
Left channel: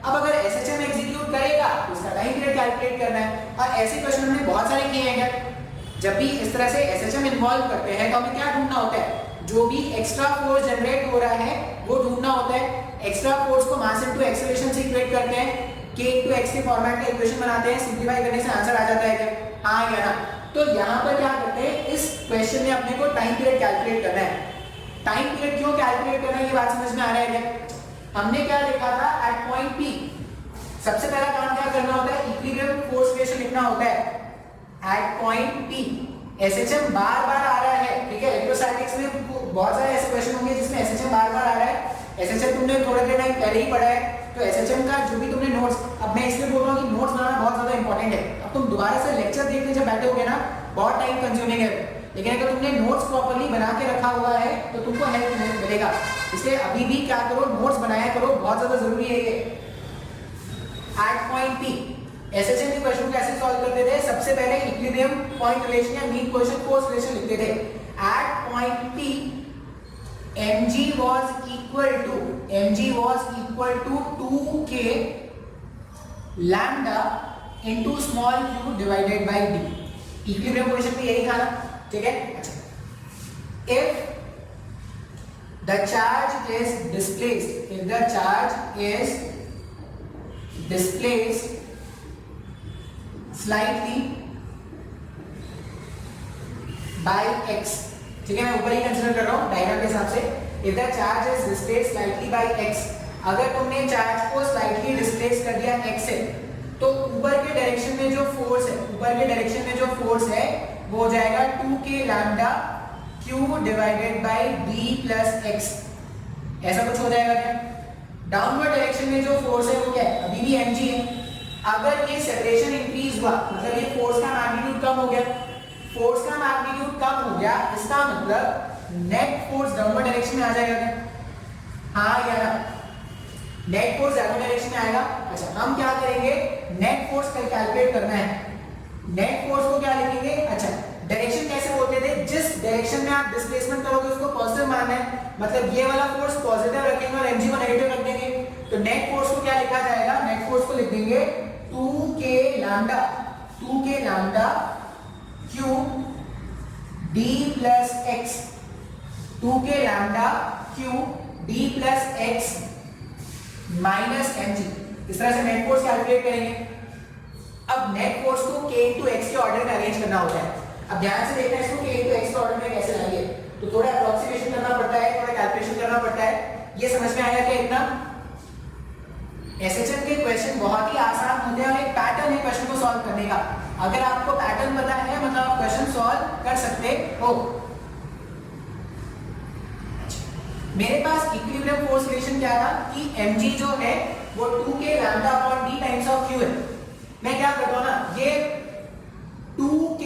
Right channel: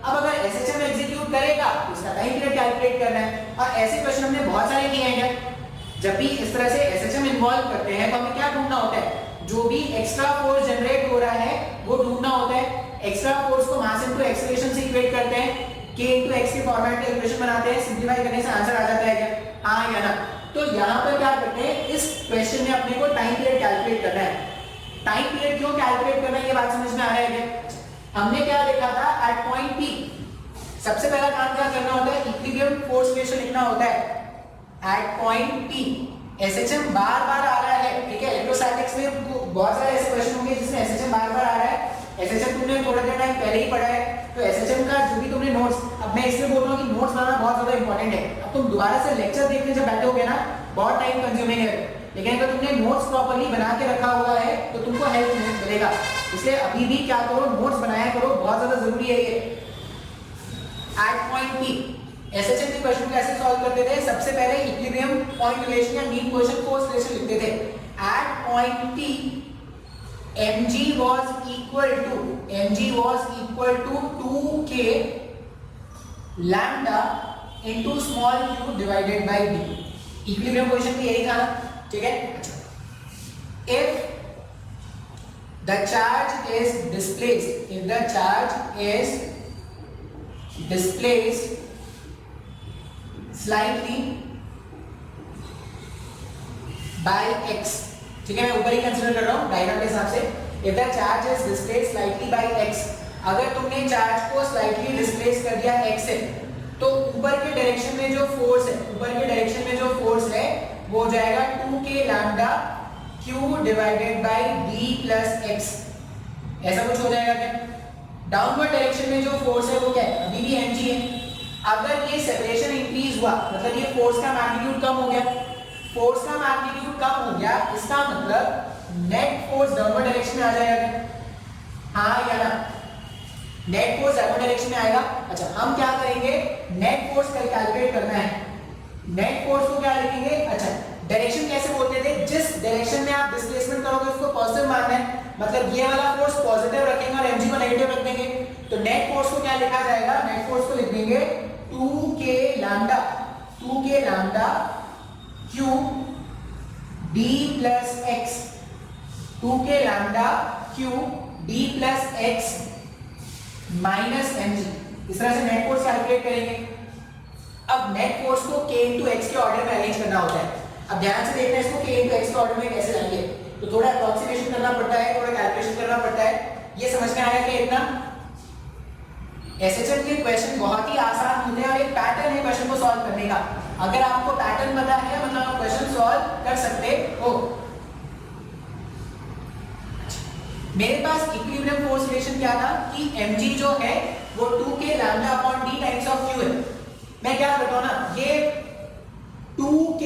अब अगर एसएचएम एग्जीक्यूट करेगा तो इसका टाइम पीरियड कैलकुलेट करना है। और ऐसे क्वेश्चन हमने बहुत सारे किए हैं क्या, जब भी इस तरह से एसएचएम इन्वॉल्व करते हैं तो हमें क्या ढूंढना होता है, जो भी एक्स्ट्रा फोर्स जनरेट हो रहा है वो ढूंढना होता है। एक्स्ट्रा फोर्स को मास इनटू एक्सेलरेशन से इक्वेट करते हैं, k इनटू x के फॉर्मेट का इक्वेशन बनाते हैं, सिंपलीफाई करने से आंसर आ जाता है क्या? हाँ या ना? तो यहाँ पर क्या करते हैं, इस क्वेश्चन में अपने को टाइम पीरियड कैलकुलेट करना है। टाइम पीरियड क्यों कैलकुलेट करना है ये बात समझ में आ रहा है क्या? हमने क्या देखा था, एट पॉइंट P सबसे पहला काम क्या करना होता है, इक्विलिब्रियम फोर्स इक्वेशन लिखना होता है। एट पॉइंट P एसएचएम बार बार आ रहा है, ठीक है। इलेक्ट्रोस्टैटिक्स में बहुत सारे ऐसे क्वेश्चन होंगे जिसमें एसएचएम बार बार आ रहा है। एसएचएम तुमने थोड़ा देर टाइम पहले ही पढ़ा है, तो एसएचएम का जो भी तुमने नोट्स, अब मैं इसलिए बोल रहा हूँ कि नोट्स बनाना बहुत ज्यादा इंपॉर्टेंट है। अब तुम दोबारा से लेक्चर देखने जब बैठे होगे ना, बहुत टाइम कंज्यूमिंग है, लेकिन अगर तुमने नोट्स प्रॉपर्ली बना के रखा हुआ है तो तुमको हेल्प मिलेगा। इसलिए अभी भी क्या करो, नोट्स बनाया करो, बहुत ज्यादा जरूरी है ये। एट पॉइंट P एसएचएम की क्वेश्चन कैसे सॉल्व करते थे, सबसे पहले इक्विलिब्रियम पॉइंट रिलेशन या मीन पोजीशन फोर्स रिलेशन लिखते थे। At point P mg was equal to 2k lambda into small q divided by d। Equilibrium position में यही था ना, ठीक है। if the charge is displaced slightly by x, ठीक है, मैं ऊपर ही कंसीडर कर रहा हूँ डायग्राम के हिसाब से। if the charge is displaced slightly by x, अगर तुमने चार्ज को स्लाइटली डिस्प्लेस कर दिया x से, तो ऊपर के डायरेक्शन में जो फोर्स है, वो हो जाएगा 2k lambda q divided by d plus x, ऐसा कुछ हो जाएगा क्या। डाउनवर्ड डायरेक्शन में जो फोर्स है वो क्या है, अभी भी mg है। अगर ये सेपरेशन इंक्रीज हुआ मतलब ये फोर्स का मैग्नीट्यूड कम हो गया, इसका मतलब नेट फोर्स डाउनवर्ड डायरेक्शन में आ जाएगा क्या? हाँ या ना? नेट फोर्स डाउनवर्ड डायरेक्शन में आएगा। अच्छा, हम क्या करेंगे, नेट फोर्स कैलकुलेट करना है। नेट फोर्स को क्या लिखेंगे, अच्छा डायरेक्शन कैसे बोलते थे, जिस डायरेक्शन में आप डिस्प्लेसमेंट करोगे उसको पॉजिटिव मानना है, मतलब ये वाला फोर्स पॉजिटिव रखेंगे और mg को नेगेटिव रख देंगे। तो नेट फोर्स को क्या लिखा जाएगा, नेट फोर्स को लिख देंगे 2k lambda q d plus x, 2k lambda q d plus x minus mg। इस तरह से नेट फोर्स कैलकुलेट करेंगे। अब नेट फोर्स को k into x के ऑर्डर में अरेंज करना होता है। अब ध्यान से देखना है इसको k into x के ऑर्डर में कैसे लाएंगे, तो थोड़ा अप्रोक्सीमेशन करना पड़ता है, थोड़ा कैलकुलेशन करना पड़ता है। ये समझ में आया क्या इतना? एसएचएम के क्वेश्चन बहुत ही आसान होते हैं और एक पैटर्न है क्वेश्चन को सॉल्व करने का। अगर आपको पैटर्न पता है मतलब आप क्वेश्चन सॉल्व कर सकते हो। मेरे पास इक्विलिब्रियम फोर्स रिलेशन क्या था कि mg जो है वो 2k lambda upon d times of q है। मैं क्या करता हूं ना, ये 2k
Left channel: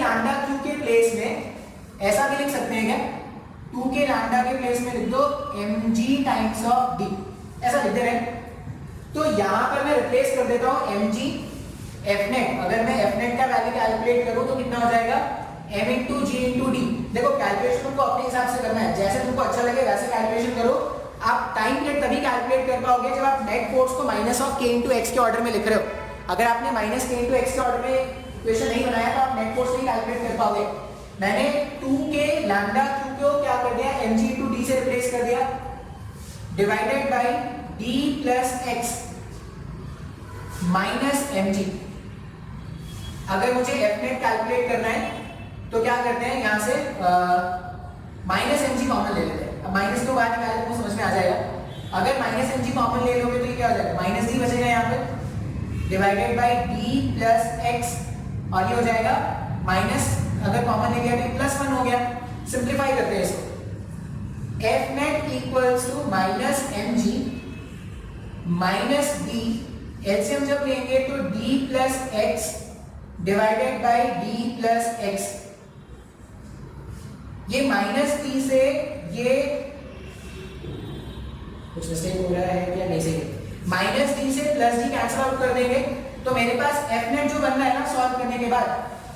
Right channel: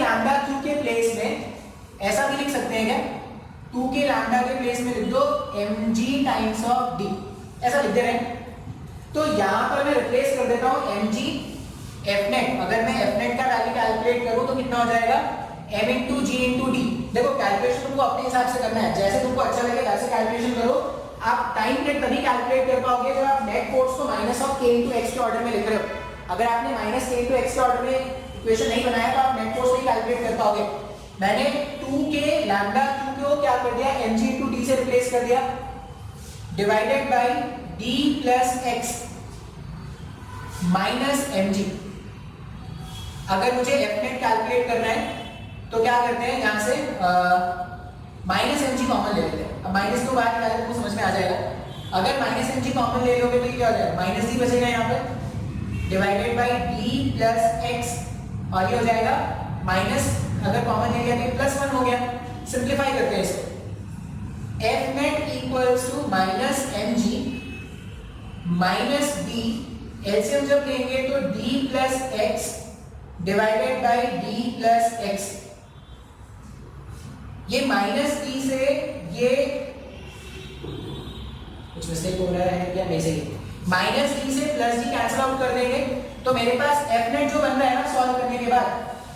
लैम्डा q के प्लेस में ऐसा भी लिख सकते हैं क्या, 2 के लैम्डा के प्लेस में लिख दो mg टाइम्स ऑफ d, ऐसा लिख दे रहे हैं। तो यहां पर मैं रिप्लेस कर देता हूं mg fnet। अगर मैं fnet का वैल्यू कैलकुलेट करूं तो कितना हो जाएगा m इंटू जी इंटू डी। देखो कैलकुलेशन तुमको अपने हिसाब से करना है, जैसे तुमको अच्छा लगे वैसे कैलकुलेशन करो। आप टाइम पीरियड तभी कैलकुलेट कर पाओगे जब आप नेट फोर्स को माइनस ऑफ के इंटू एक्स के ऑर्डर में लिख रहे हो। अगर आपने माइनस के इंटू एक्स के ऑर्डर में इक्वेशन नहीं बनाया तो आप नेट फोर्स नहीं कैलकुलेट कर पाओगे। मैंने 2 के लैम्डा क्यू को क्या कर दिया mg इंटू डी से रिप्लेस कर दिया, divided by d plus x minus mg। अगर मुझे fnet कैलकुलेट करना है तो क्या करते हैं, यहां से माइनस mg कॉमन ले लेते हैं। अब माइनस को बाहर निकालने को समझ में आ जाएगा। अगर माइनस mg कॉमन ले लोगे तो ये क्या हो जाएगा, माइनस d बचेगा यहाँ पर, divided by d plus x, और ये हो जाएगा माइनस, अगर कॉमन ले लिया तो प्लस 1 हो गया। सिंप्लीफाई करते हैं इसको, fnet equals to minus mg minus d, LCM जब लेंगे तो d plus x divided by d plus x. ये माइनस d से ये कुछ मिस्टेक हो रहा है क्या, नहीं सही, माइनस d से प्लस d कैंसिल आउट कर देंगे तो मेरे पास fnet जो बन रहा है ना सॉल्व करने के बाद,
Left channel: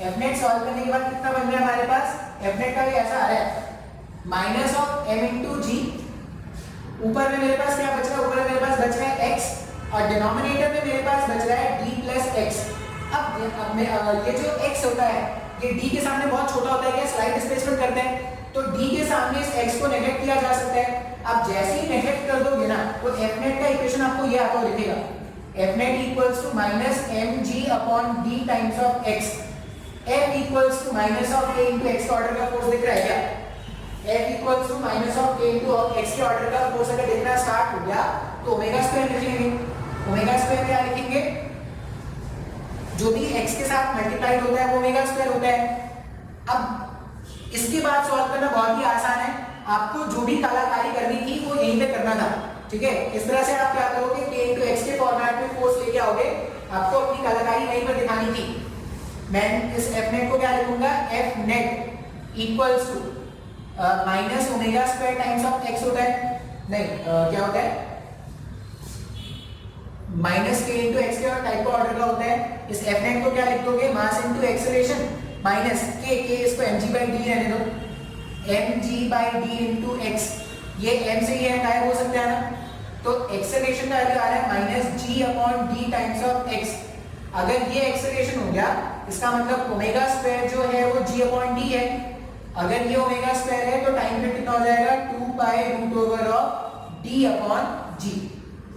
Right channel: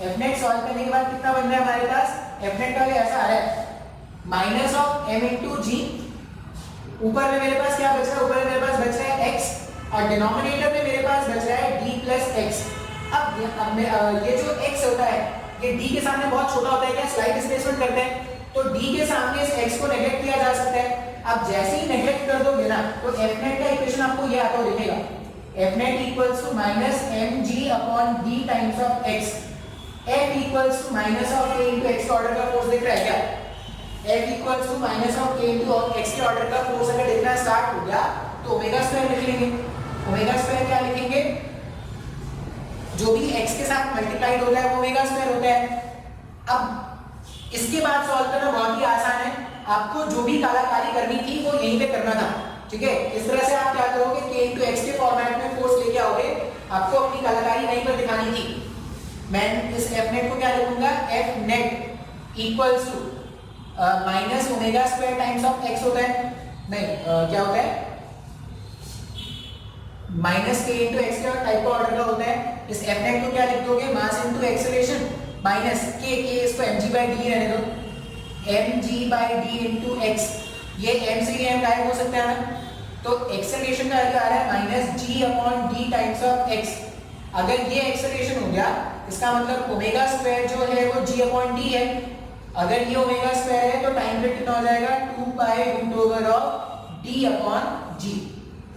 fnet सॉल्व करने के बाद कितना बन रहा है हमारे पास, fnet का ऐसा आ रहा है माइनस ऑफ m इंटू जी, ऊपर में मेरे पास क्या बच रहा है, ऊपर में मेरे पास बच रहा है x, और डिनोमिनेटर में मेरे पास बच रहा है d प्लस एक्स। अब ये जो x होता है ये d के सामने बहुत छोटा होता है, क्या स्लाइड डिस्प्लेसमेंट करते हैं तो d के सामने इस x को नेग्लेक्ट किया जा सकता है। अब जैसे ही नेग्लेक्ट कर दोगे ना तो fnet का इक्वेशन आपको ये आता हुआ दिखेगा, fnet equals to minus mg upon d times of x। f equals to minus of k into x का ऑर्डर का फोर्स दिख रहा है क्या, f equals to minus of k into x के ऑर्डर का फोर्स अगर देखना स्टार्ट हो गया तो ओमेगा स्क्वायर लिख लेंगे। ओमेगा स्क्वायर क्या लिखेंगे, जो भी x के साथ मल्टीप्लाइड होता है वो ओमेगा स्क्वायर होता है। अब इसके बाद सॉल्व करना बहुत ही आसान है, आपको जो भी कलाकारी करनी थी वो यहीं पे करना था, ठीक है। इस तरह से आप क्या करोगे k इंटू एक्स के फॉर्मेट में फोर्स लेके आओगे, आपको अपनी कलाकारी यहीं पर दिखानी थी। मैं इस fnet को क्या लिखूंगा, fnet equals to minus omega square times of x होता है, नहीं क्या होता है माइनस के इंटू एक्स का टाइप का ऑर्डर का होता है। इस fnet को क्या लिख दोगे, mass into acceleration minus k इसको mg बाई डी रहने दो, mg by d into x. ये m से ये गायब हो सकता है ना, तो एक्सेलरेशन का वैल्यू आ रहा है minus g upon D times of x। अगर ये एक्सेलरेशन हो गया इसका मतलब ओमेगा स्क्वायर जो है वो g अपॉन डी है। अगर ये ओमेगा स्क्वायर है तो टाइम पीरियड कितना हो जाएगा, 2 pi root over of d upon g।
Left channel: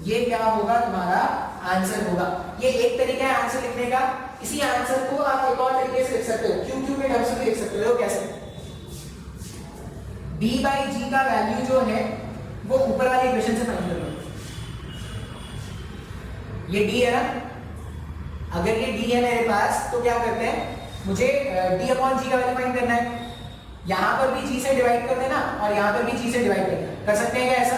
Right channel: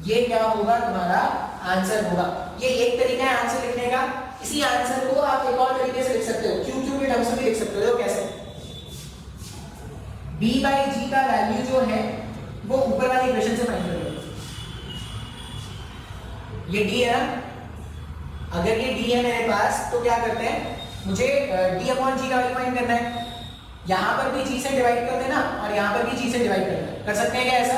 ये क्या होगा, तुम्हारा आंसर होगा। ये एक तरीका है आंसर लिखने का। इसी आंसर को आप एक और तरीके से लिख सकते हो, क्यू क्यू के टर्म्स में लिख सकते हो। कैसे, b बाई जी का वैल्यू जो है वो ऊपर वाली इक्वेशन से फाइंड कर लो। ये d है ना, अगर ये d है मेरे पास तो क्या करते हैं, मुझे d अपॉन जी का वैल्यू फाइंड करना है। यहां पर भी g से डिवाइड कर देना और यहां पर भी g से डिवाइड करना, कर सकते हैं क्या ऐसा।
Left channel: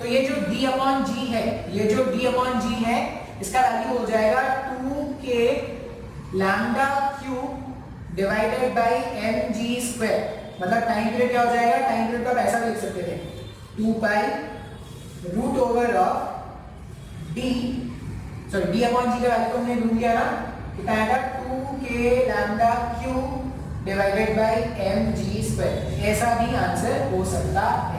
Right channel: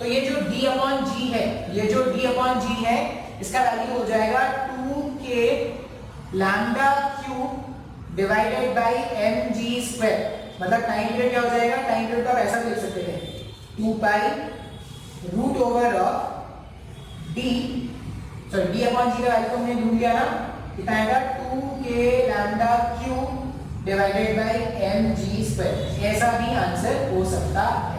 तो ये जो d अपॉन जी है, ये जो d अपॉन जी है इसका वैल्यू हो जाएगा 2k lambda cube divided by mg square. मतलब टाइम पीरियड क्या हो जाएगा, टाइम पीरियड का ऐसा भी लिख सकते थे 2 pi root over of d, sorry d upon g का वैल्यू हमने ढूंढ लिया ना, कितना आएगा 2k lambda cube divided by mg square. ऐसा भी आंसर हो सकता है।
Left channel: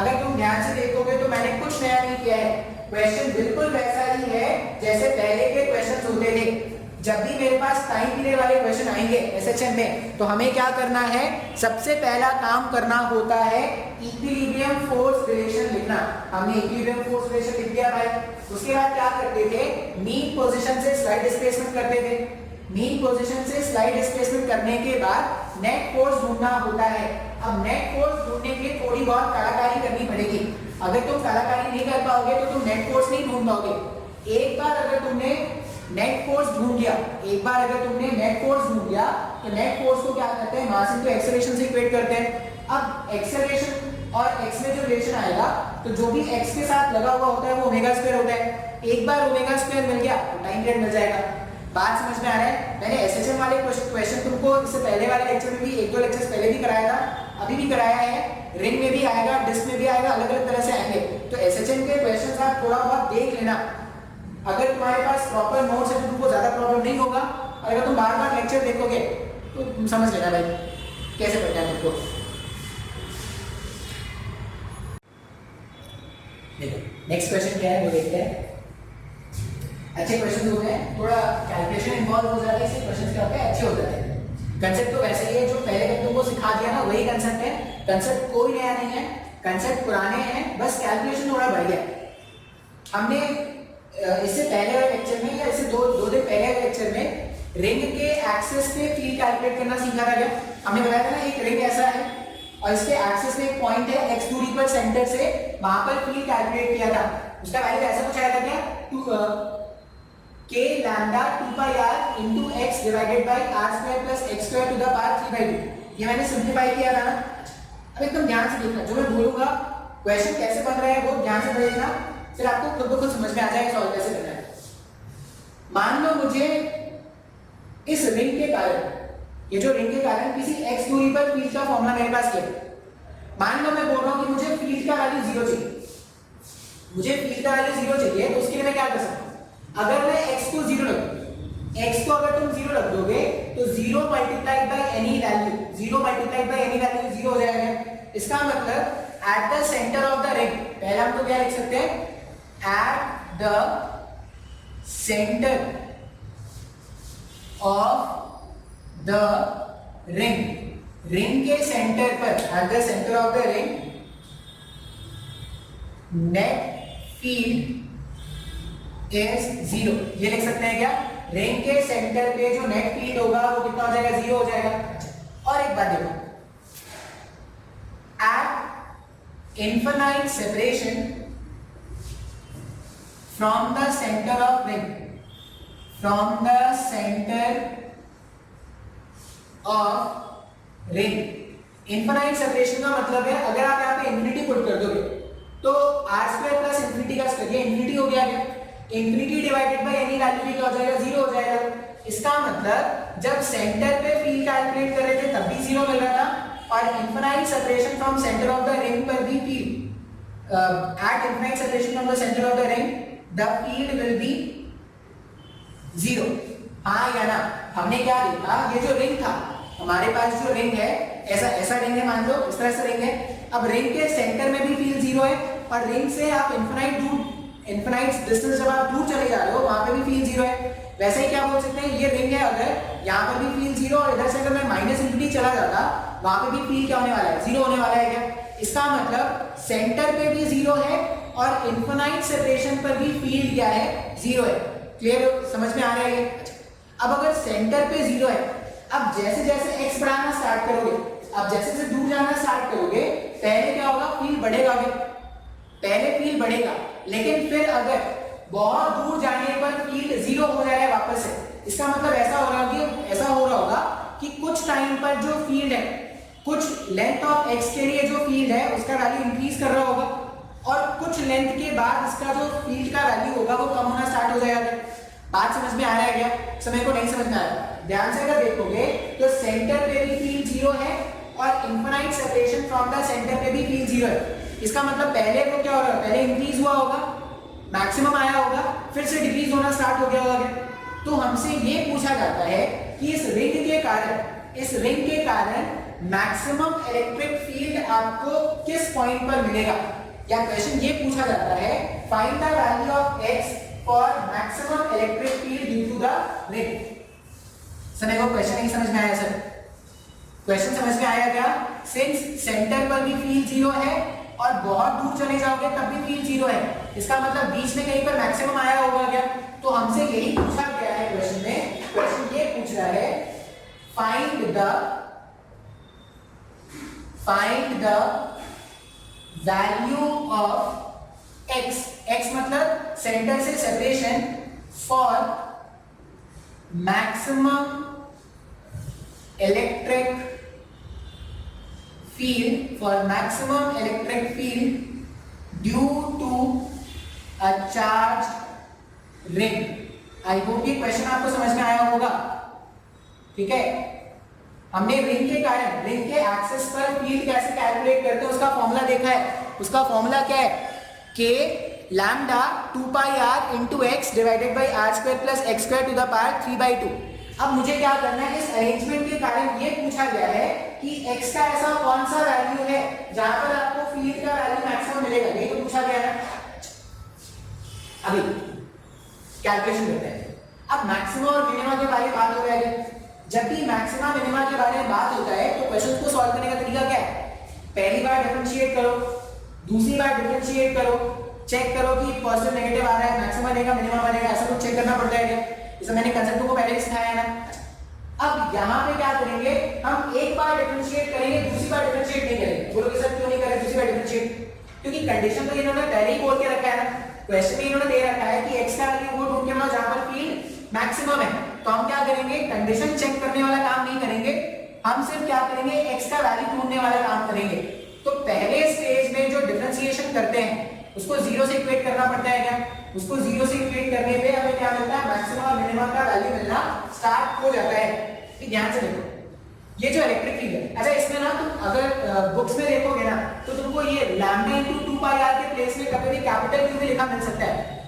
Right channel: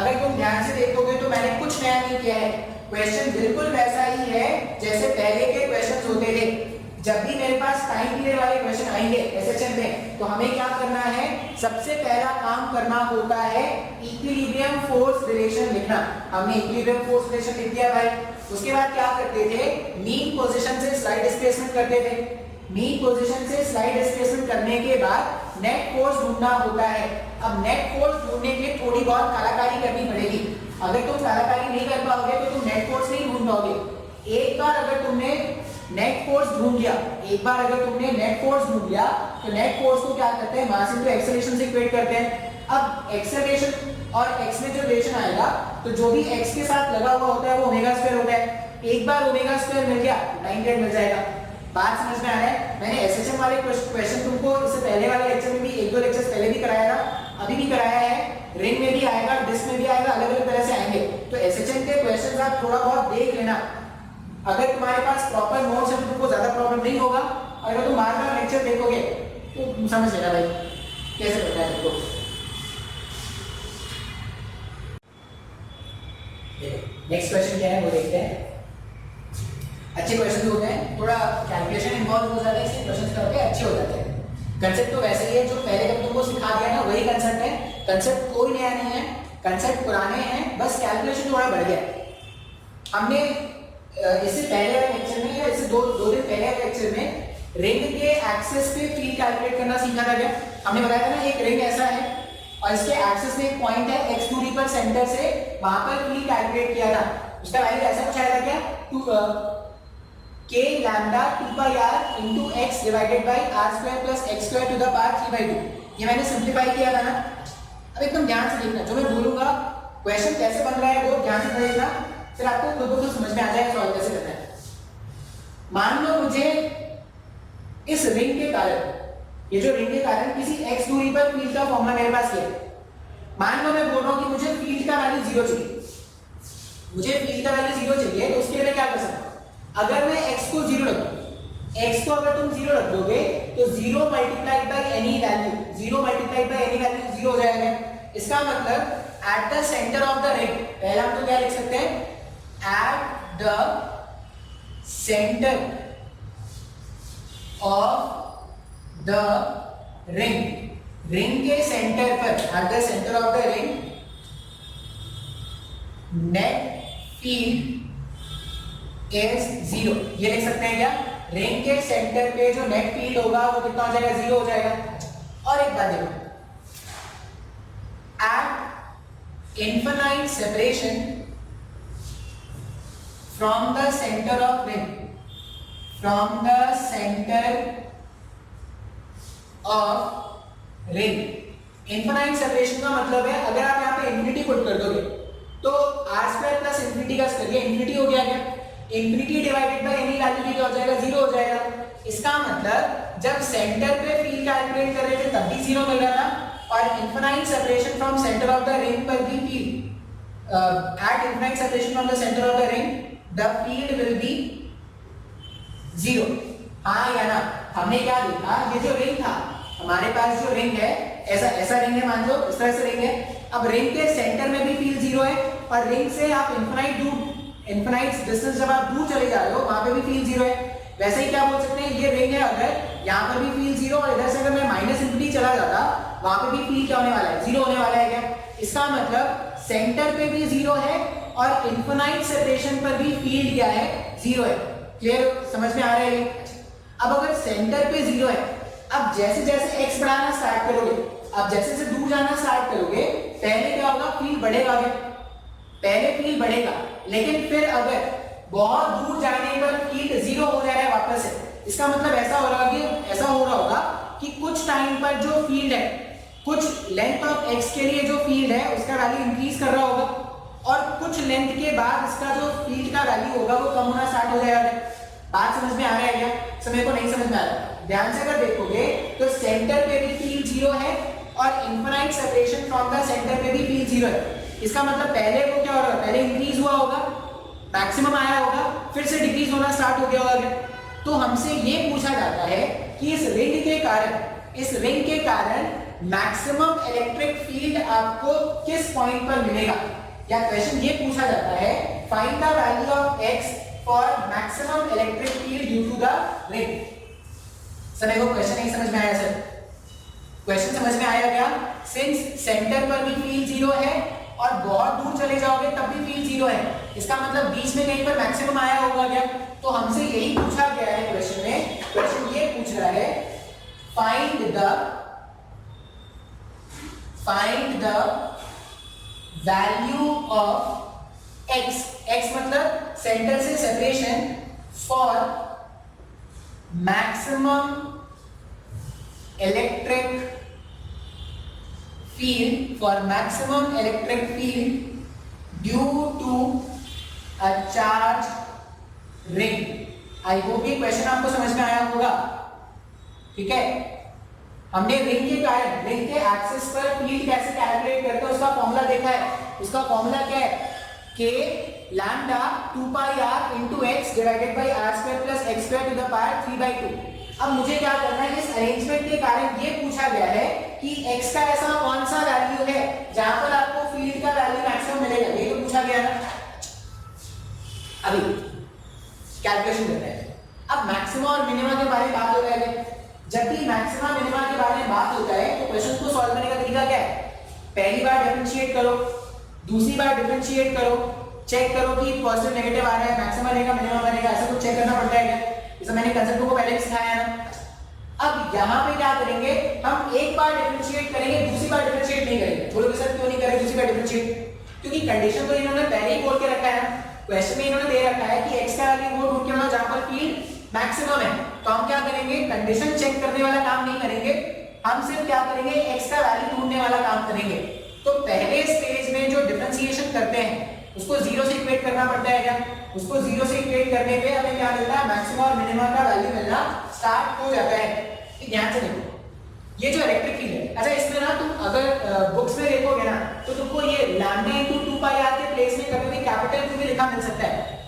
अगर तुम ध्यान से देखोगे तो मैंने कुछ नया नहीं किया है, क्वेश्चन बिल्कुल वैसा ही है जैसे पहले के क्वेश्चंस होते थे। जब भी मेरे पास टाइम पीरियड वाले क्वेश्चन आएंगे एसएचएम में तो हमें क्या करना है, सबसे पहला काम करना होता है इक्विलिब्रियम फोर्स रिलेशन लिखना। हमने इक्विलिब्रियम फोर्स रिलेशन लिख दिया भाई। उसके बाद क्या करते थे, मीन पोजीशन से स्लाइड डिस्प्लेसमेंट करते थे। मीन पोजीशन से स्लाइड डिस्प्लेसमेंट करने के बाद नेट फोर्स ढूंढना होता है। अब नेट फोर्स ढूंढने के लिए थोड़ी बहुत कलाकारी करनी पड़ेगी। अगर तुम कलाकारी नहीं कर पाओगे तो तुम नेट फोर्स नहीं ढूंढ पाओगे। एक बार अगर तुमने नेट फोर्स ढूंढ लिया, एक बार अगर तुमने नेट फोर्स ढूंढ लिया तो नेट फोर्स को क्या करते हैं, मास इनटू एक्सेलरेशन से इक्वेट करते हैं। अब एक्सेलरेशन और x में जो रिलेशन आएगा तो जो भी x के साथ लगा हुआ होता है वो ओमेगा स्क्वायर होता है। एक बार ओमेगा स्क्वायर मिल गया तो टाइम पीरियड मिल जाएगा। बात समझ में आ रहा है? मैंने एसएचएम वाले क्वेश्चन तुमको इससे पहले वाले लेक्चर में भी एक दो लेक्चर्स पहले भी कराया था, अभी भी कराया है, रिंग में भी आएगा, डिस्क में भी आएगा, अलग अलग तरह से आएंगे। तो एसएचएम के क्वेश्चंस आप थोड़ा बहुत देख लेना। अगर तुम्हारे पास प्रॉपर नोट्स है तो तुमको ज्यादा प्रॉब्लम नहीं होगा, अगर तुम बार बार लेक्चर देखोगे तो तुम समझ लेना भाई कैसे करना है तुमको। नेक्स्ट क्वेश्चन क्या है वो देखते हैं। अच्छे क्वेश्चन होते हैं, थोड़ा कैलकुलेशन इन्वॉल्व हो जाता है, इसलिए क्वेश्चन क्या होते हैं अच्छे हो जाते हैं। कंसेप्ट तो वैसे ही है, जो पहले कब तुमको सिखा दिया ना वही कंसेप्ट है, कंसेप्ट कोई नया नहीं है, कंसेप्ट पुराने हैं, बस कैलकुलेशन थोड़ा बढ़ गया। हमने इससे पहले वाले लेक्चर में या इससे दो दिन पहले वाले लेक्चर में रिंग के एक्सिस पे फील्ड कैलकुलेट करना सीखा था। क्या हमने बताया था ना, एक रिंग ऐसा है और इसके एक्सिस में एक पॉइंट है x दूरी पर सेंटर से, वहां पर फील्ड कैलकुलेट किया था। उसका वैल्यू ऐसा कुछ आया था क्या, k lambda 2 pi r into x divided by r square plus x square to the power 3/2। ये मैंने सिंपलीफाई किया था ना। अब एकदम ध्यान से देखना, जो मैं बोलूंगा क्वेश्चन कैसे बन रहा है वो ध्यान से देखना, फिर आपको खुद ब खुद समझ में आ जाएगा सॉल्व कैसे करना है। मान लो मुझे इस रिंग के कारण, ये जो रिंग के कारण किसी x दूरी पर फील्ड का फॉर्मूला मेरे पास है। मान लो मैं बोल रहा हूं कि मुझे फील्ड का वैल्यू 0 चाहिए, मुझे फील्ड का वैल्यू 0 चाहिए, तो उसके लिए क्या कर सकता हूं, अगर मैं x को 0 रख दूं, x को अगर तुम 0 रख दोगे तो 0 multiplied by any value, 0 multiplied by any value 0 हो जाएगा। इसका मतलब at the centre of the ring, पहले हम तो क्या लिख सकते हैं, at the centre of the ring, ring के सेंटर पर, at the centre of the ring net field is 0। ये लिख सकते हैं क्या, रिंग के सेंटर पे जो नेट फील्ड होगा वो कितना हो जाएगा, 0 हो जाएगा। और एक बात देखो, at infinite separation from the centre of ring, from the centre of ring, infinite separation का मतलब है अगर आप यहाँ पे इंफिनिटी पुट कर दोगे तो r स्क्वायर प्लस इंफिनिटी का स्क्वायर, ये इंफिनिटी हो गया क्या, infinity divided by any value भी क्या हो जाएगा, 0 हो जाएगा। इसका मतलब जब सेंटर पे फील्ड कैलकुलेट कर रहे थे तब भी 0 मिल रहा था, और infinite separation from centre of the ring पर भी field, at infinite separation from the centre of the ring the field will be 0। हाँ या ना, हमने क्या देखा, ये जो रिंग था, हमारे पास जो रिंग है, ऐसा रिंग है, मान लो इस तरह से रिंग है। अब रिंग के सेंटर में भी फील्ड 0 है, और रिंग से आप इनफिनाइट डिस्टेंस जब आप दूर चले जा रहे हो वहां पे भी फील्ड 0 है। वैसे ही क्या बोल सकते हैं, ये रिंग है, अगर यहाँ पर भी फील्ड 0 और इधर से अगर मैं माइनस इंफिनिटी चला जाता वहां पे भी फील्ड क्या होने वाला है, 0 होने वाला है क्या। इसका मतलब सेंटर पे भी 0 है और इनफिनाइट सेपरेशन पर भी फील्ड क्या है, 0 है। क्लियर, समझ में आ रहा है। अब अगर सेंटर पे 0 है, अब जैसे जैसे x बढ़ाना स्टार्ट करोगे, अब जैसे जैसे दूर जाना स्टार्ट करोगे, पहले क्या होगा, फील्ड बढ़ेगा, पहले फील्ड बढ़ेगा, लेकिन फिर अगर बहुत दूर जाने पर फील्ड 0 हो जाएगा वापस से। इसका मतलब ऐसा हो रहा होगा कि कुछ टाइम पर जो फील्ड है, कुछ लेंथ ऑफ x के लिए जो फील्ड है उसका वैल्यू इंक्रीज कर रहा होगा, और कुछ लेंथ के बाद इसका जो फील्ड का वैल्यू होगा वो कम होना स्टार्ट हो जाएगा। बात समझ में आ रहा है क्या, समय को नहीं समझ में आ रहा है, ध्यान से अगर देखोगे तो सेंटर पे भी फील्ड 0 है और infinite separation from the centre पे भी फील्ड 0 है। इसका मतलब पहले वो क्या हो रहा है, पहले इंक्रीज हुआ होगा, मैक्सिमम आया होगा, फिर से डिक्रीज होना स्टार्ट हो गया होगा। तो हमसे ये पूछा जाता है कि इस रिंग के कारण मैक्सिमम इलेक्ट्रिक फील्ड आपको किस पॉइंट पर मिलेगा, या क्वेश्चन ये पूछा जाता है, find the value of x for maximum electric field due to the ring. Sir को क्वेश्चन नहीं समझ में आया, सर क्वेश्चन समझ में आया क्या, सिंस सेंटर पर भी फील्ड 0 है और बहुत दूर चले जाओगे तब भी फील्ड 0 है, इसका मतलब बीच में कहीं पर मैक्सिमम आया होगा क्या। तो हमसे यही पूछा गया है क्वेश्चन में, क्वेश्चन ये पूछ रहा है, find the value of x मतलब सेंटर से separation, for maximum electric field due to a charged ring I hope ये क्वेश्चन आपको समझ में आया होगा। ठीक है, हमने रिंग के कारण रिंग के एक्सिस पर फील्ड कैसे कैलकुलेट करते हैं उसका फॉर्मूला देखा है। उसका फॉर्मूला क्या है, k lambda 2 pi r into x divided by r square plus x square to the power 3/2। अब मुझे क्या करना है, इस अरेंजमेंट के कारण ये पूछा गया है कि x का ऐसा कौन सा वैल्यू है जहां पर आपको फील्ड का वैल्यू मैक्सिमम मिलेगा, ये तो पूछा गया है। अभी कैलकुलेशन करते हैं। अब मैक्सिमा और मिनिमा के बारे में बात हो रही है। जब भी मैक्सिमा मिनिमा के बारे में बात होता है तो क्वेश्चन को सॉल्व करने का तरीका क्या है, पहली बार डिफरेंशिएट करो, दूसरी बार डिफरेंशिएट करो, चेक करो कि पॉजिटिव नेगेटिव आ रहा है, मैक्सिमा देगा मिनिमम बनेगा, ऐसा कुछ चेक करना पड़ता है क्या। जैसे मैंने कंसेप्ट को पहले भी सिखाया है ना। अब यहाँ पे क्या करेंगे, हम एक बार डिफरेंशिएट करेंगे, दूसरी बार डिफरेंशिएट नहीं करेंगे। बोलोगे सर क्यों नहीं करें दूसरी बार डिफरेंशिएट, क्योंकि कंडीशन तो इन्होंने पहले ही बोल के रखा है ना, क्वेश्चन में इन्होंने दे रखा है कि x का वैल्यू वो ढूंढ के लाओ जहां पर फील्ड मैक्सिमम है। तो हम क्या करेंगे, कंडीशन चेक करने वाला काम नहीं करेंगे, हम सिर्फ क्या करेंगे, x का वैल्यू ढूंढने वाला काम करेंगे। तो पहले स्टेज में जो डिफरेंशिएशन करते हैं उसको जीरो से इक्वेट करना पड़ता है क्या, उसको जीरो से इक्वेट करने पे हमें क्या मिलता है, मैक्सिमम और मिनिमम का वैल्यू मिलना स्टार्ट हो जाता है। ध्यान से देखो, ये जो इलेक्ट्रिक फील्ड है, अच्छा इसमें ना तुम अगर बुक्स में देखोगे ना तो तुमको ये लैम्डा इनटू 2 पाई r के प्लेस में कभी भी कैपिटल Q में लिखा मिल सकता है।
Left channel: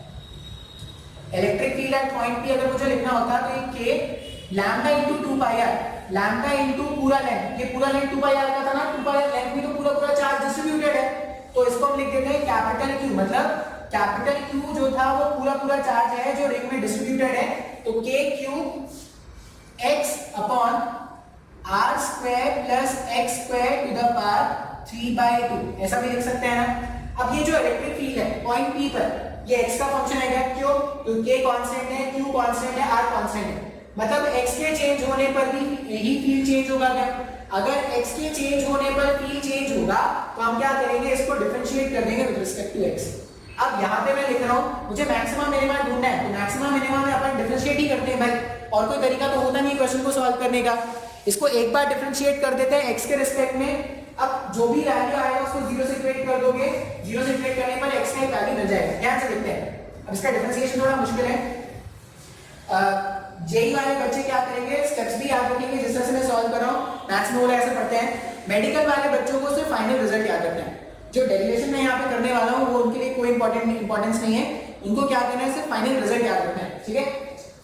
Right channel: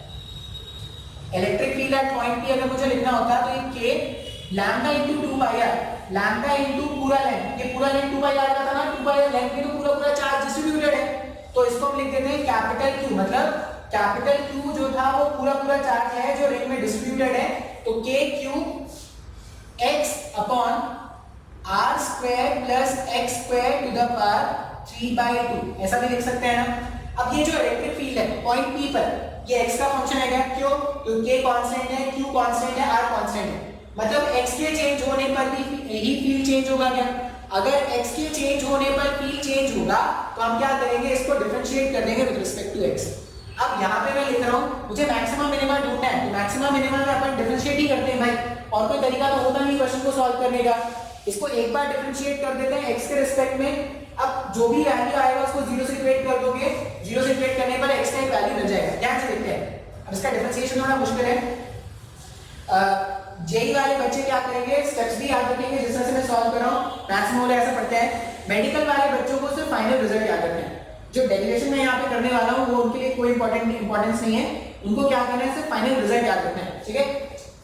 Electric field eight point P अगर मुझे लिखना होता तो ये k lambda into 2 pi r, lambda into पूरा लेंथ, ये पूरा लेंथ 2 पाई r का था ना, 2 पाई r लेंथ में तो पूरा पूरा चार्ज डिस्ट्रीब्यूटेड है, तो इसको हम लिख देते हैं कैपिटल Q, मतलब कैपिटल Q जो था वो पूरा पूरा चार्ज है जो रिंग में डिस्ट्रीब्यूटेड है। तो k cube x upon r square plus x square to the power 3/2, ऐसा भी लिख सकते हैं ना। अब ये जो इलेक्ट्रिक फील्ड है पॉइंट P पर, ये x का फंक्शन है क्या, क्यों, तो k कांस्टेंट है, q कांस्टेंट है, r कांस्टेंट है, मतलब x के चेंज होने पर भी यही फील्ड चेंज होगा क्या। अगर x के चेंज होने पर p चेंज होगा तो हम क्या करेंगे, इसको डिफरेंशिएट कर देंगे विद रिस्पेक्ट टू x। अब यहाँ पे मैं लिख रहा हूँ मुझे मैक्सिमम मिनिमम ढूंढना है, तो मैक्सिमम मिनिमम में अपन डिफरेंशिएट ही करते हैं भाई, और कोई तरीका तो होता नहीं क्वेश्चन को सॉल्व करने का। इसको एक बार डिफरेंशिएट कर देते हैं x के रिस्पेक्ट में। अब जो भी वैल्यू आएगा उसको जीरो से इक्वेट कर दोगे, जीरो से इक्वेट करने पर x का एक वैल्यू मिल जाएगा। ध्यान से देखते हैं, अब इसका डिफरेंशिएशन थोड़ा मुश्किल है। जेई वाले बच्चे क्या करेंगे, स्टेप्स भी याद रखेंगे जिस तरह से मैं सॉल्व कर रहा हूँ, मैथ्स में वो ऐसे पढ़ते हैं। मेडिकल वाले बच्चों को सिर्फ फाइनल रिजल्ट याद रखना है, जो डेरिवेशन में यहाँ पे करने वाला हूँ वो उनके लिए कोई इंपॉर्टेंस नहीं है, उनको क्या करना है, सिर्फ फाइनल रिजल्ट याद रखना है। ठीक है,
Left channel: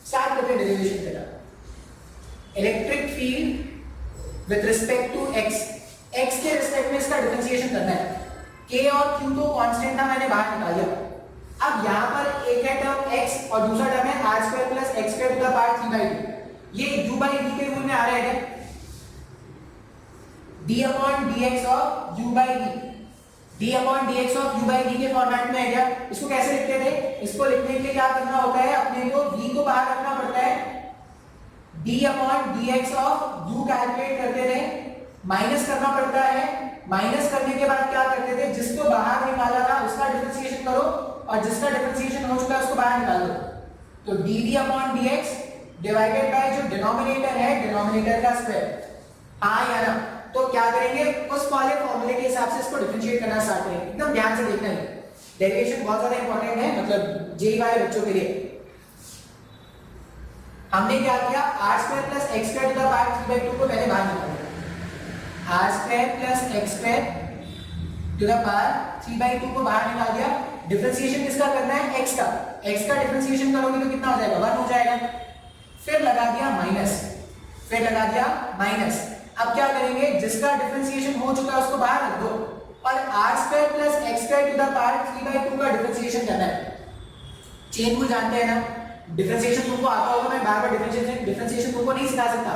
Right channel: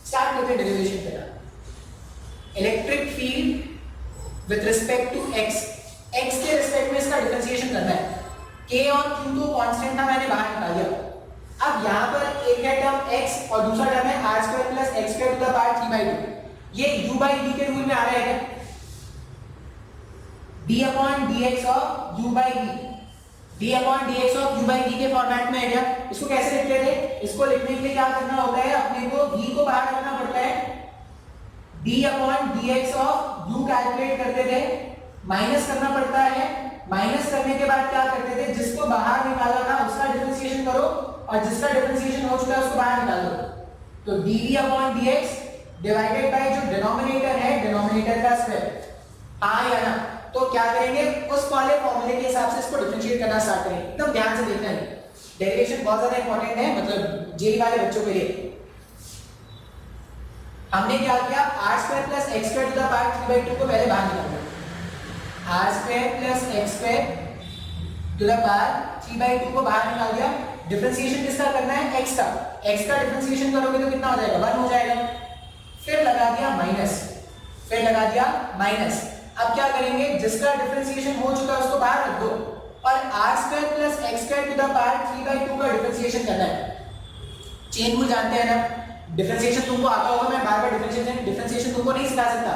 स्टार्ट करते हैं डेरिवेशन के साथ। Electric field with respect to x के रिस्पेक्ट में इसका डिफरेंशिएशन करना है। k और q तो कांस्टेंट था, मैंने बाहर निकाल दिया। अब यहाँ पर एक है टर्म x और दूसरा टर्म है r square plus x square to the power 3/2। ये u by v के रूल में आ रहा है क्या, d upon dx of u by v, d upon dx of u by v के फॉर्मेट में है क्या। इसको कैसे लिखते थे, इसको लिखने के लिए क्या करना होता है, अपने को v को बाहर रखना पड़ता है, d upon dx of u calculate करते थे, माइनस करना पड़ता है, माइनस करने के बाद क्या करते थे, जिसको बाहर निकाला था उसका डिफरेंशिएशन करो और जिसका डिफरेंशिएशन हो चुका है उसको बाहर निकाल दो। तो dv upon dx divided by जो डिनोमिनेटर है, डिनोमिनेटर का स्क्वायर, हाँ या ना। तो क्या करेंगे, उस वाले फॉर्मूले के हिसाब से इसको डिफरेंशिएट करना स्टार्ट करेंगे। एकदम ध्यान से देखना है, डेरिवेशन बहुत ज्यादा इंपॉर्टेंट है, मतलब जेई वाले बच्चों के लिए। हमने क्या किया, r square plus x square to the power 3/2 को पहले बाहर निकाला, r square plus x square to the power 3/2 को बाहर निकाल दिया। डिफरेंशिएशन किसका करना है, x का डिफरेंशिएशन करोगे तो कितना हो जाएगा, 1 हो जाएगा। फिर लगा दिया माइनस, फिर लगा दिया माइनस। अब क्या करेंगे, जिसका डिफरेंशिएशन हो चुका है उसको बाहर रख दो और r square plus x square to the power 3/2 का डिफरेंशिएशन करना है। चेन रूल जानते हैं ना, डिफरेंशिएशन तुमको आता होगा, मैं बार बार डिफरेंशिएशन तुमको नहीं सिखा सकता।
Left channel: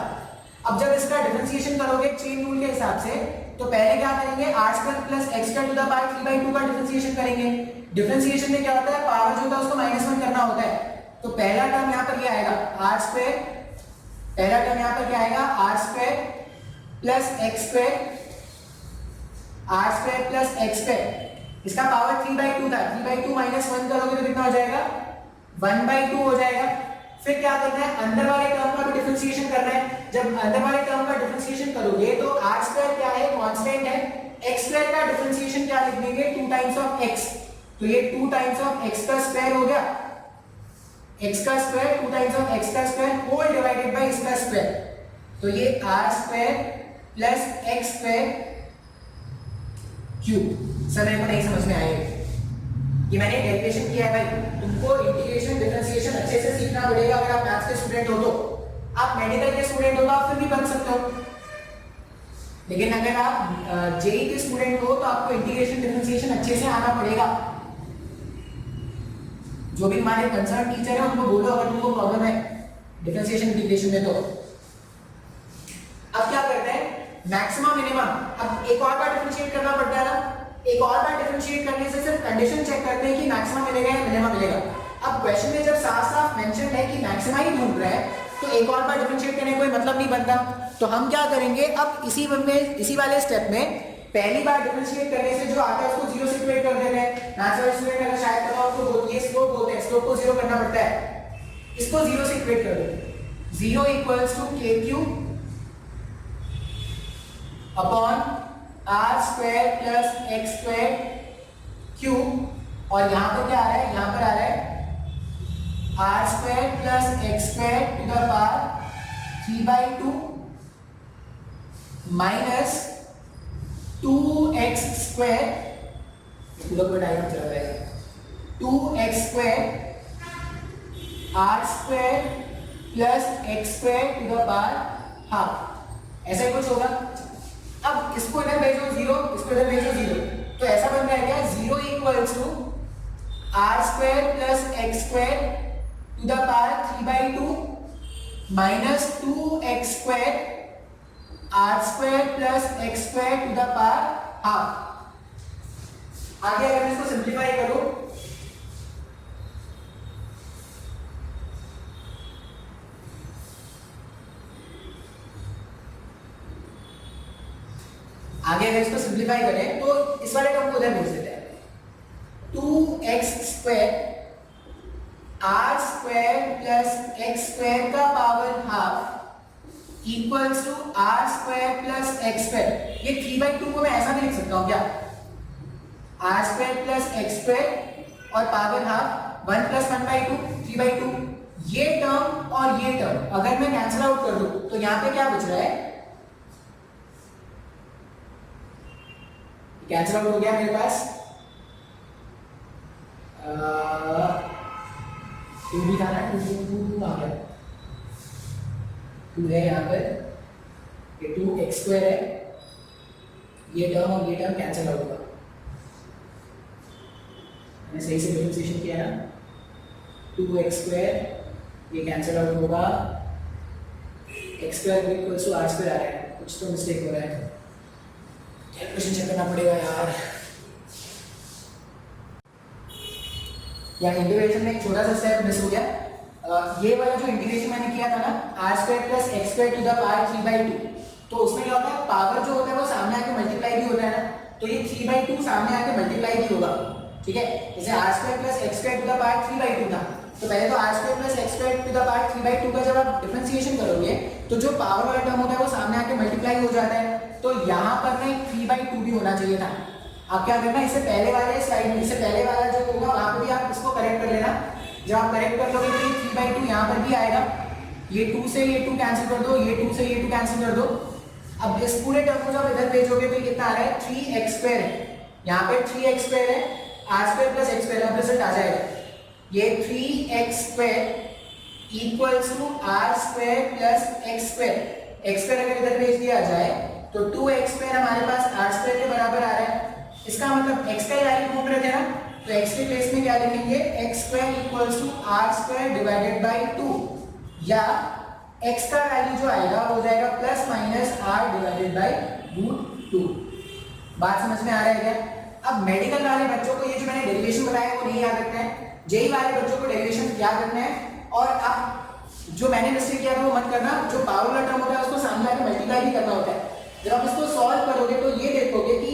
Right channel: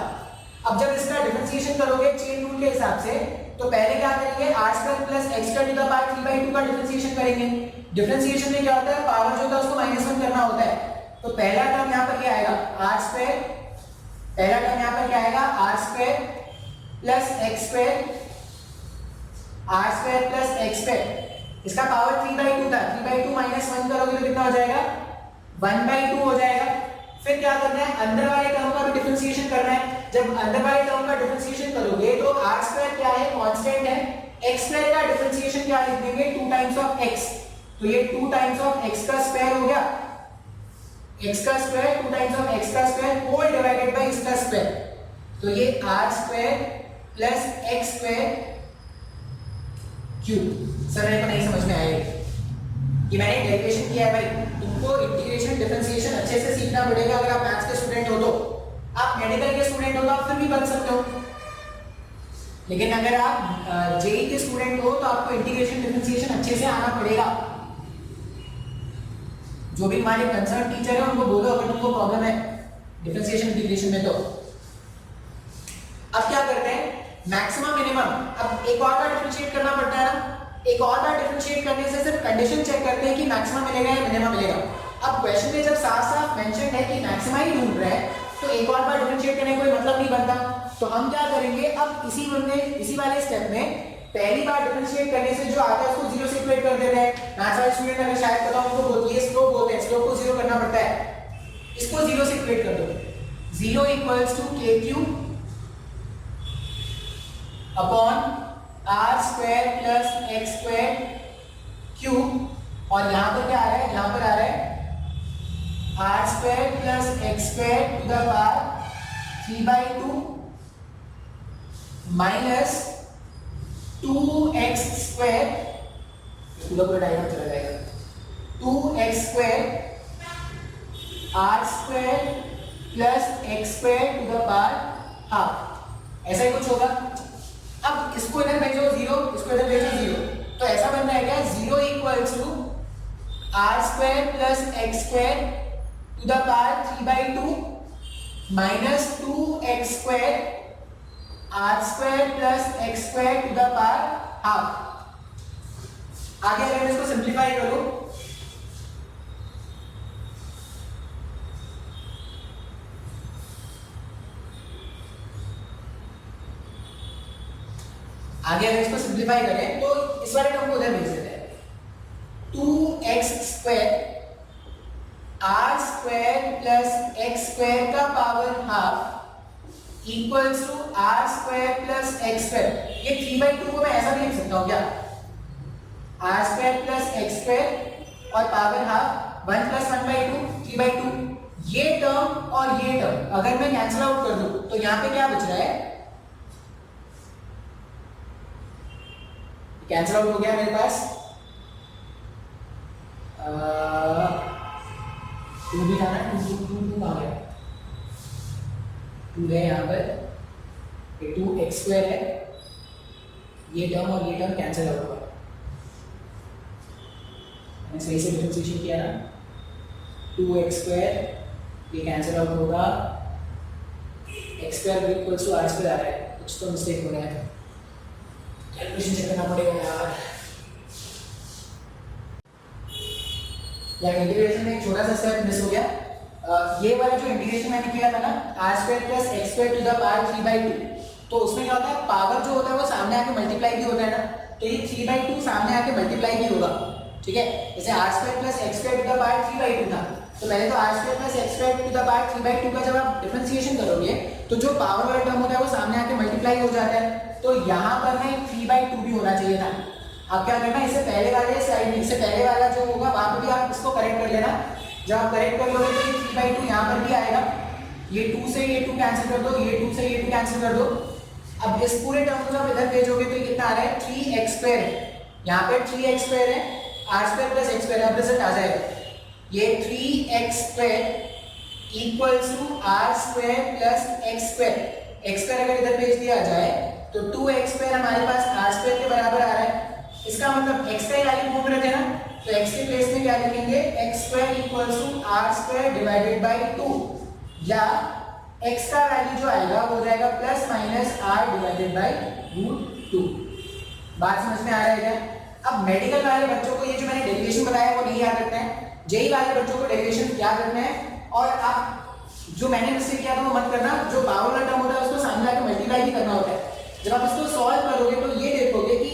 अब जब इसका डिफरेंशिएशन करोगे चेन रूल के हिसाब से, तो पहले क्या करेंगे, r square plus x square to the power 3/2 का डिफरेंशिएशन करेंगे। डिफरेंशिएशन में क्या होता है, पावर जो होता है उसको -1 करना होता है। तो पहला टर्म यहाँ पर क्या आएगा, r स्क्वायर, पहला टर्म यहाँ पर क्या आएगा, r square plus x square, r square plus x square, इसका पावर 3/2 था, 3/2 -1 करोगे तो कितना हो जाएगा, 1/2 हो जाएगा। फिर क्या करना है, अंदर वाले टर्म का भी डिफरेंशिएशन करना है। जब अंदर वाले टर्म का डिफरेंशिएशन करोगे तो r स्क्वायर क्या है, कांस्टेंट है, x स्क्वायर का डिफरेंशिएशन क्या लिख देंगे, 2 टाइम्स ऑफ x, तो ये 2 टाइम्स ऑफ x का स्क्वायर हो गया एक्स का स्क्वायर 2 टाइम्स ऑफ एक्स का स्क्वायर होल डिवाइडेड बाय इसका स्क्वायर, तो ये r square plus x square cube. Sir मेरे को नहीं समझ में आया ये मैंने डेरिवेशन किया है भाई, तुमको इंटीग्रेशन डिफरेंशिएशन अच्छे से सीखना पड़ेगा। अगर आप मैथ्स के स्टूडेंट हो तो, आप मेडिकल के स्टूडेंट हो तो आप फिर भी बन सकते हो, लेकिन अगर आप जेई के स्टूडेंट हो तो आपको इंटीग्रेशन डिफरेंशिएशन अच्छे से आना पड़ेगा। जो भी हमारे कंसर्न टीचर है उनको बोलो अगर तुमको प्रॉब्लम है डिफरेंशिएशन इंटीग्रेशन में तो। अब क्या करते हैं, मैक्सिमम मिनिमम, अब एक और बार डिफरेंशिएट करना पड़ता है ना, एक और बार डिफरेंशिएट करने से सिर्फ कंडीशन चेक करते हैं कि मैक्सिमम मिलेगा या मिनिमम मिलेगा। अब क्वेश्चन में जब साफ साफ मेंशन है कि मैक्सिमा ही ढूंढ रहा है तो एक और बार डिफरेंशिएट करने का कोई मतलब नहीं बनता। तो हम क्या करेंगे, अब इसी वाले स्टेप में पहली बार डिफरेंशिएट करने से जो आता है उसको जीरो से इक्वेट कर देते हैं। मैथ्स वाले स्टूडेंट अगर शायद पता हो उनको ये स्लोप बोलते हैं, स्लोप को जीरो करना पड़ता है, इसको जीरो से इक्वेट कर दो। Zero equals to k cube upon r square plus x square cube, और यहां पर क्या आ रहा है, यहां पर आ रहा है r square plus x square to the power 3/2 minus 2x square, पूरा डायग्राम चला जाएगा, 2x square r square plus x square to the power half, ऐसा ही कुछ होगा। अब इसको इधर भेजो जीरो, इसको इधर भेजो जीरो, तो ऐसा बन जाएगा zero equals to r square plus x square to the power 3/2 minus 2x square r square plus x square to the power half. आगे अगर मैं इसको सिंप्लीफाई करूं, आगे अगर इसको सिंप्लीफाई करें तो इस वाले टर्म को उधर भेज देते हैं, 2x square r square plus x square का power half equals to r square plus x square. ये 3/2 को मैं ऐसा भी लिख सकता हूं क्या, r square plus x square और पावर हाफ 1 + 1/2 3/2। ये टर्म और ये टर्म अगर मैं कैंसिल आउट कर दूं तो यहां पे क्या बच रहा है, कैंसिल आउट हो गया मेरे पास, 2 भी आना, 2 आ गया, 2 है यहाँ पर, ये 2x स्क्वायर है, ये टर्म और ये टर्म कैंसिल आउट होगा। मैंने सही से डिफरेंशिएशन किया ना, 2x स्क्वायर ये कैंसिल आउट होगा, x square equals to r square आ रहा है, कुछ तो मिस्टेक हो रहा है, कैलकुलेशन चेक करना पड़ेगा यार। यार इंटीग्रेशन में एक छोटा सा स्टेप मिस हो गया। ये वाला जो इंटीग्रेशन मैंने किया था ना, r square plus x square to the power 3/2, तो उसमें क्या होता है, पावर जो होता है वो सामने आके मल्टीप्लाई भी होता है ना, तो ये 3/2 सामने आके मल्टीप्लाई भी होगा, ठीक है। जैसे r square plus x square to the power 3/2 था, तो पहले तो r square plus x square to the power 3/2 का जब आप डिफरेंशिएशन करोगे तो जो पावर वाला टर्म होता है वो सामने आके मल्टीप्लाई हो जाता है, तो यहाँ पर ना 3/2 भी होना चाहिए था। आप क्या करना, इससे पहले वाले स्लाइड में, इससे पहले वाला जो होगा वहां पे भी आप इसको करेक्ट कर लेना। जब आप करेक्ट कर लोगे तो ये 3/2 यहाँ पर भी आएगा, ये 2 से ये 2 कैंसिल कर दो, ये 2 से ये 2 कैंसिल कर दो। अब इस पूरे टर्म को जब इधर भेजोगे तो कितना आ रहा है, 3x स्क्वायर है, यहाँ पर 3x स्क्वायर है, r square plus x square, अब रिजल्ट आ जाएगा, ये 3x square equals to r square plus x square, x square अगर इधर भेज दिया जाए तो 2x स्क्वायर हमारे पास आर स्क्वायर के बराबर आ रहा है। इसका मतलब x का वैल्यू ढूंढ रहे थे ना, तो x के प्लेस में क्या लिखेंगे, x square equals to r square divided by 2, या x का वैल्यू जो आएगा वो हो जाएगा plus minus r divided by √2। बात समझ में आ रहा है क्या? अब मेडिकल वाले बच्चों को ये जो मैंने डेरिवेशन बताया वो नहीं याद रखना है, जेई वाले बच्चों को डेरिवेशन याद रखना है। और आप जो मैंने मिस्टेक किया था वो मत करना, जो पावर वाला टर्म होता है उसको सामने आके मल्टीप्लाई भी करना होता है। जब आप इसको सॉल्व करोगे तो ये देखोगे कि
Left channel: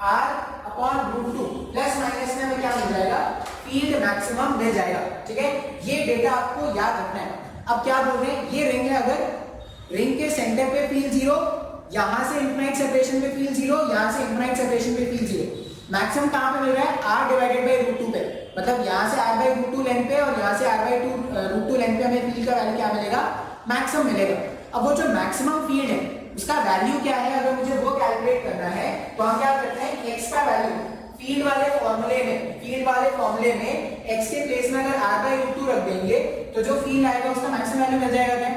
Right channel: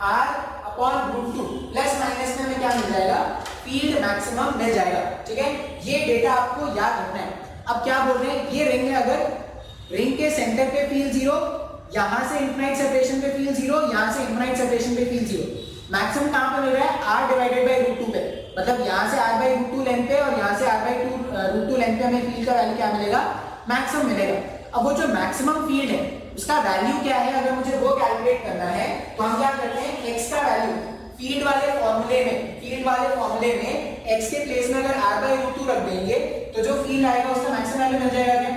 r/√2 प्लस माइनस में हमें क्या मिल जाएगा, फील्ड मैक्सिमम मिल जाएगा, ठीक है। ये डेटा आपको याद रखना है। अब क्या बोल रहे हैं, ये रिंग है, अगर रिंग के सेंटर पे फील्ड 0, यहां से इनफाइनाइट सेपरेशन पे फील्ड 0, यहां से इनफाइनाइट सेपरेशन पे फील्ड 0, मैक्सिमम कहां पे मिल रहा है, r/√2 पे। मतलब यहाँ से r by root two length पे और यहाँ से r by root two length पे हमें फील्ड का वैल्यू क्या मिलेगा, मैक्सिमम मिलेगा। अब वो जो मैक्सिमम फील्ड है उसका वैल्यू क्या है, अगर मुझे वो कैलकुलेट करना है तो हम क्या करते हैं, x का वैल्यू फील्ड वाले फॉर्मूले में x के प्लेस में अगर r बाई रूट टू रख देंगे तो जो फील्ड आएगा उसका मैक्सिमम वैल्यू मिल जाएगा। क्या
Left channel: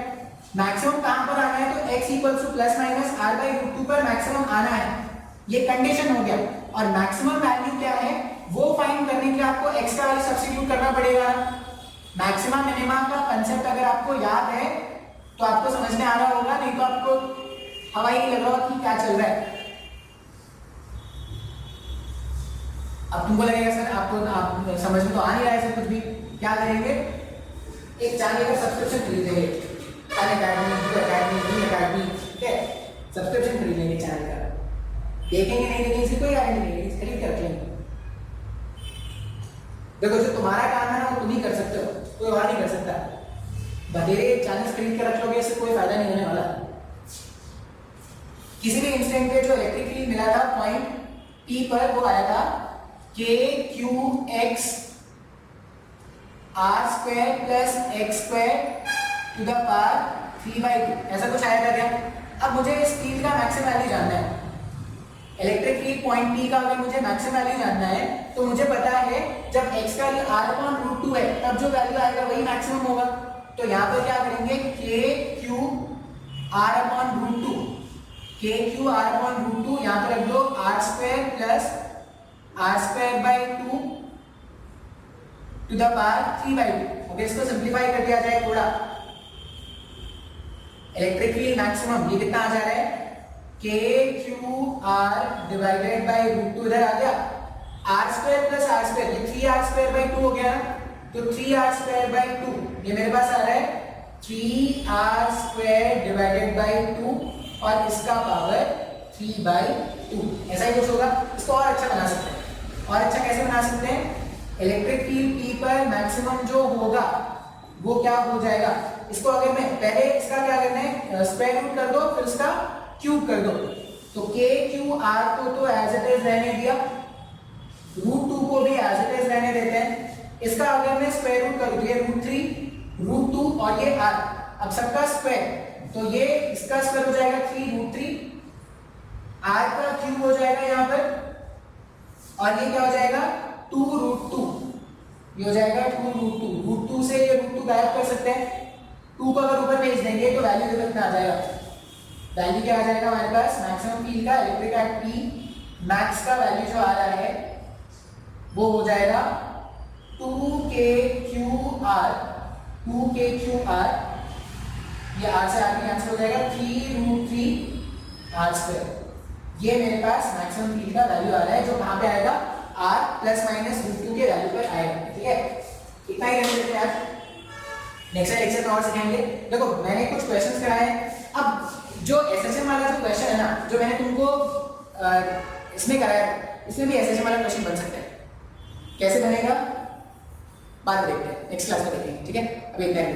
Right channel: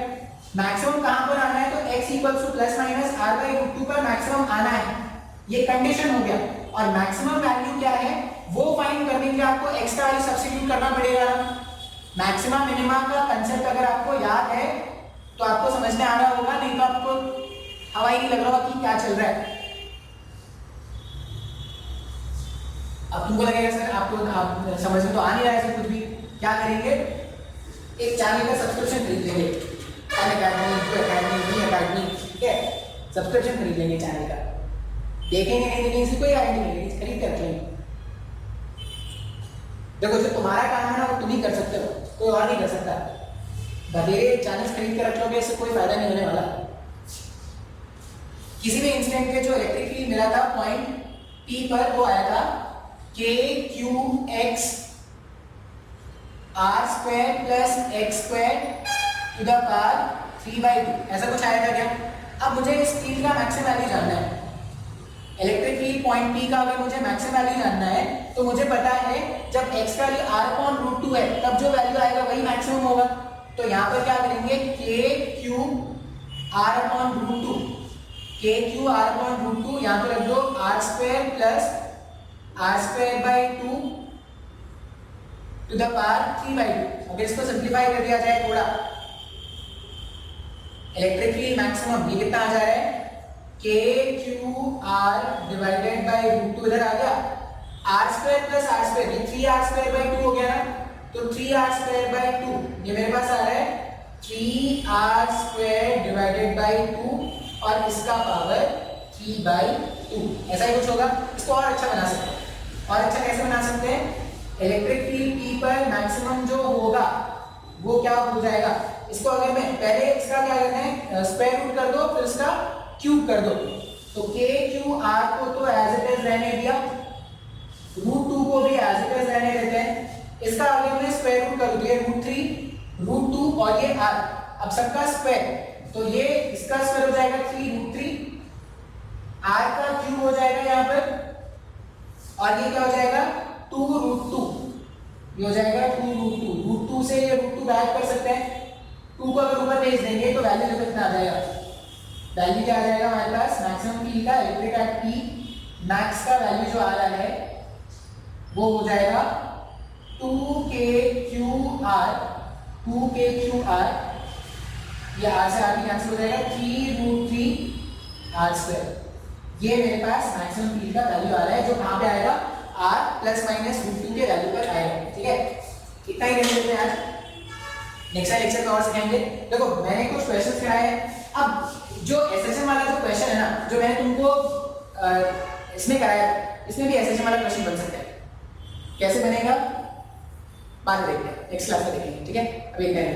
मैक्सिमम कहां पर आना है, तो x equals to plus minus r by root two पर मैक्सिमम आना है, ये कंडीशन हो गया। और मैक्सिमम वैल्यू क्या है वो फाइंड करने के लिए आपको x का वैल्यू सब्स्टिट्यूट करना पड़ेगा। मैक्सिमम मिनिमम का कांसेप्ट अगर आपको याद है तो आपको समझ में आ रहा होगा, नहीं तो आपको हवा ही नहीं लग रहा कि क्या चल रहा है। अब तुमको लगेगा सर आप समझ में तो आ नहीं रहा है सर कुछ भी, क्या करेंगे, एक चैनल का सब्सक्रिप्शन खरीद लेंगे, अकेडमी, ठीक है, सब्सक्रिप्शन खरीद लेंगे चैनल का, देखेंगे नहीं लेकिन इसकी कोई आइडिया नहीं, खरीद कर रखेंगे। देखो जो तुम्हारा काम है ना वो तुम ही कर सकते हो, कोई और नहीं कर सकता। बधेरे चैनल खरीद कर रख लोगे इससे कोई फायदा नहीं होने वाला। किसी भी इंस्टेंट पे जो इलेक्ट्रिक फील्ड मिला था पॉइंट P पर वो आया था KQX r square plus x square to the power 3/2, ऐसा कुछ आया था क्या। अब मुझे इस फील्ड का मैक्सिमम वैल्यू जानना है, इलेक्ट्रिक फील्ड पॉइंट P का अगर मुझे मैक्सिमम वैल्यू जानना है तो मुझे पता है जब x का वैल्यू r/√2 है तब जो वैल्यू आएगा वही मैक्सिमम होगा। तो यहाँ पर क्या करेंगे, KQ r/√2, KQ r/√2 यहाँ पर रख दो r square plus r square by 2 to the power 3/2। अगर इसको सिंप्लीफाई कर दिया जाए थोड़ा, इलेक्ट्रिक फील्ड मैक्सिमम ये कितना आ जा रहा है, KQR डिवाइडेड बाई √2 इधर आ गया, r square plus r square, ये 3r स्क्वायर बाई 2 हो गया ना, तो 3r स्क्वायर बाई 2 ये मेरे पास आ रहा है 3r स्क्वायर डिवाइडेड बाई 2 और इसका पावर 3/2, ऐसा ही कुछ होगा। इसको और अच्छा बना सकते हैं, और अच्छा कैसे बना सकते हैं, इलेक्ट्रिक फील्ड P पर मैक्सिमम जो होगा वो क्या हो जाएगा, इसको अगर मैं पहले इसका क्या करना है, स्क्वायर रूट कर दो फिर इसका क्यूब कर दो, तो KQR को तो एज इट इज रहने दिया, √2 को भी एज इट इज रहने देते हैं। इसका अगर मैं स्क्वायर रूट करूं, ये √3 √2 और ये r, अब सबका स्क्वायर, तो ये इसका स्क्वायर हो जाएगा 3 √3, r का क्यूब हो जाएगा यहाँ पर, और ये क्या हो जाएगा 2 √2, ये हो जाएगा 2 √2 से ये √2 गायब कर सकते हैं, 2 को अगर ऊपर भेज देंगे तो वैल्यू देखो कितना आ जाएगा, वैल्यू क्या आ जाएगा हमारे पास, मैक्सिमम फील्ड का इलेक्ट्रिक एट P मैक्स का वैल्यू जो आ रहा है वो हो जाएगा 2KQR, ये r से r की कैंसिल हो जाएगा 3 √3 r स्क्वायर, ये मेरे पास मैक्सिमम फील्ड का वैल्यू आ रहा है जो कहां पे आएगा, r प्लस माइनस √2 के वैल्यू पर आएगा। ठीक है, इतना ही रहने देते हैं आज, नेक्स्ट लेक्चर में और सीखेंगे। देखो मैंने कुछ क्वेश्चंस कराए हैं, अब जो एसएसएम वाला जो क्वेश्चन है ना, जो मैंने तुमको इसमें कराया, इसमें भी एसएसएम वाला क्वेश्चन बन सकता है, कैसे बनेगा बाद में देखते हैं, नेक्स्ट क्लास में देखेंगे। ठीक है, अभी इतना ही।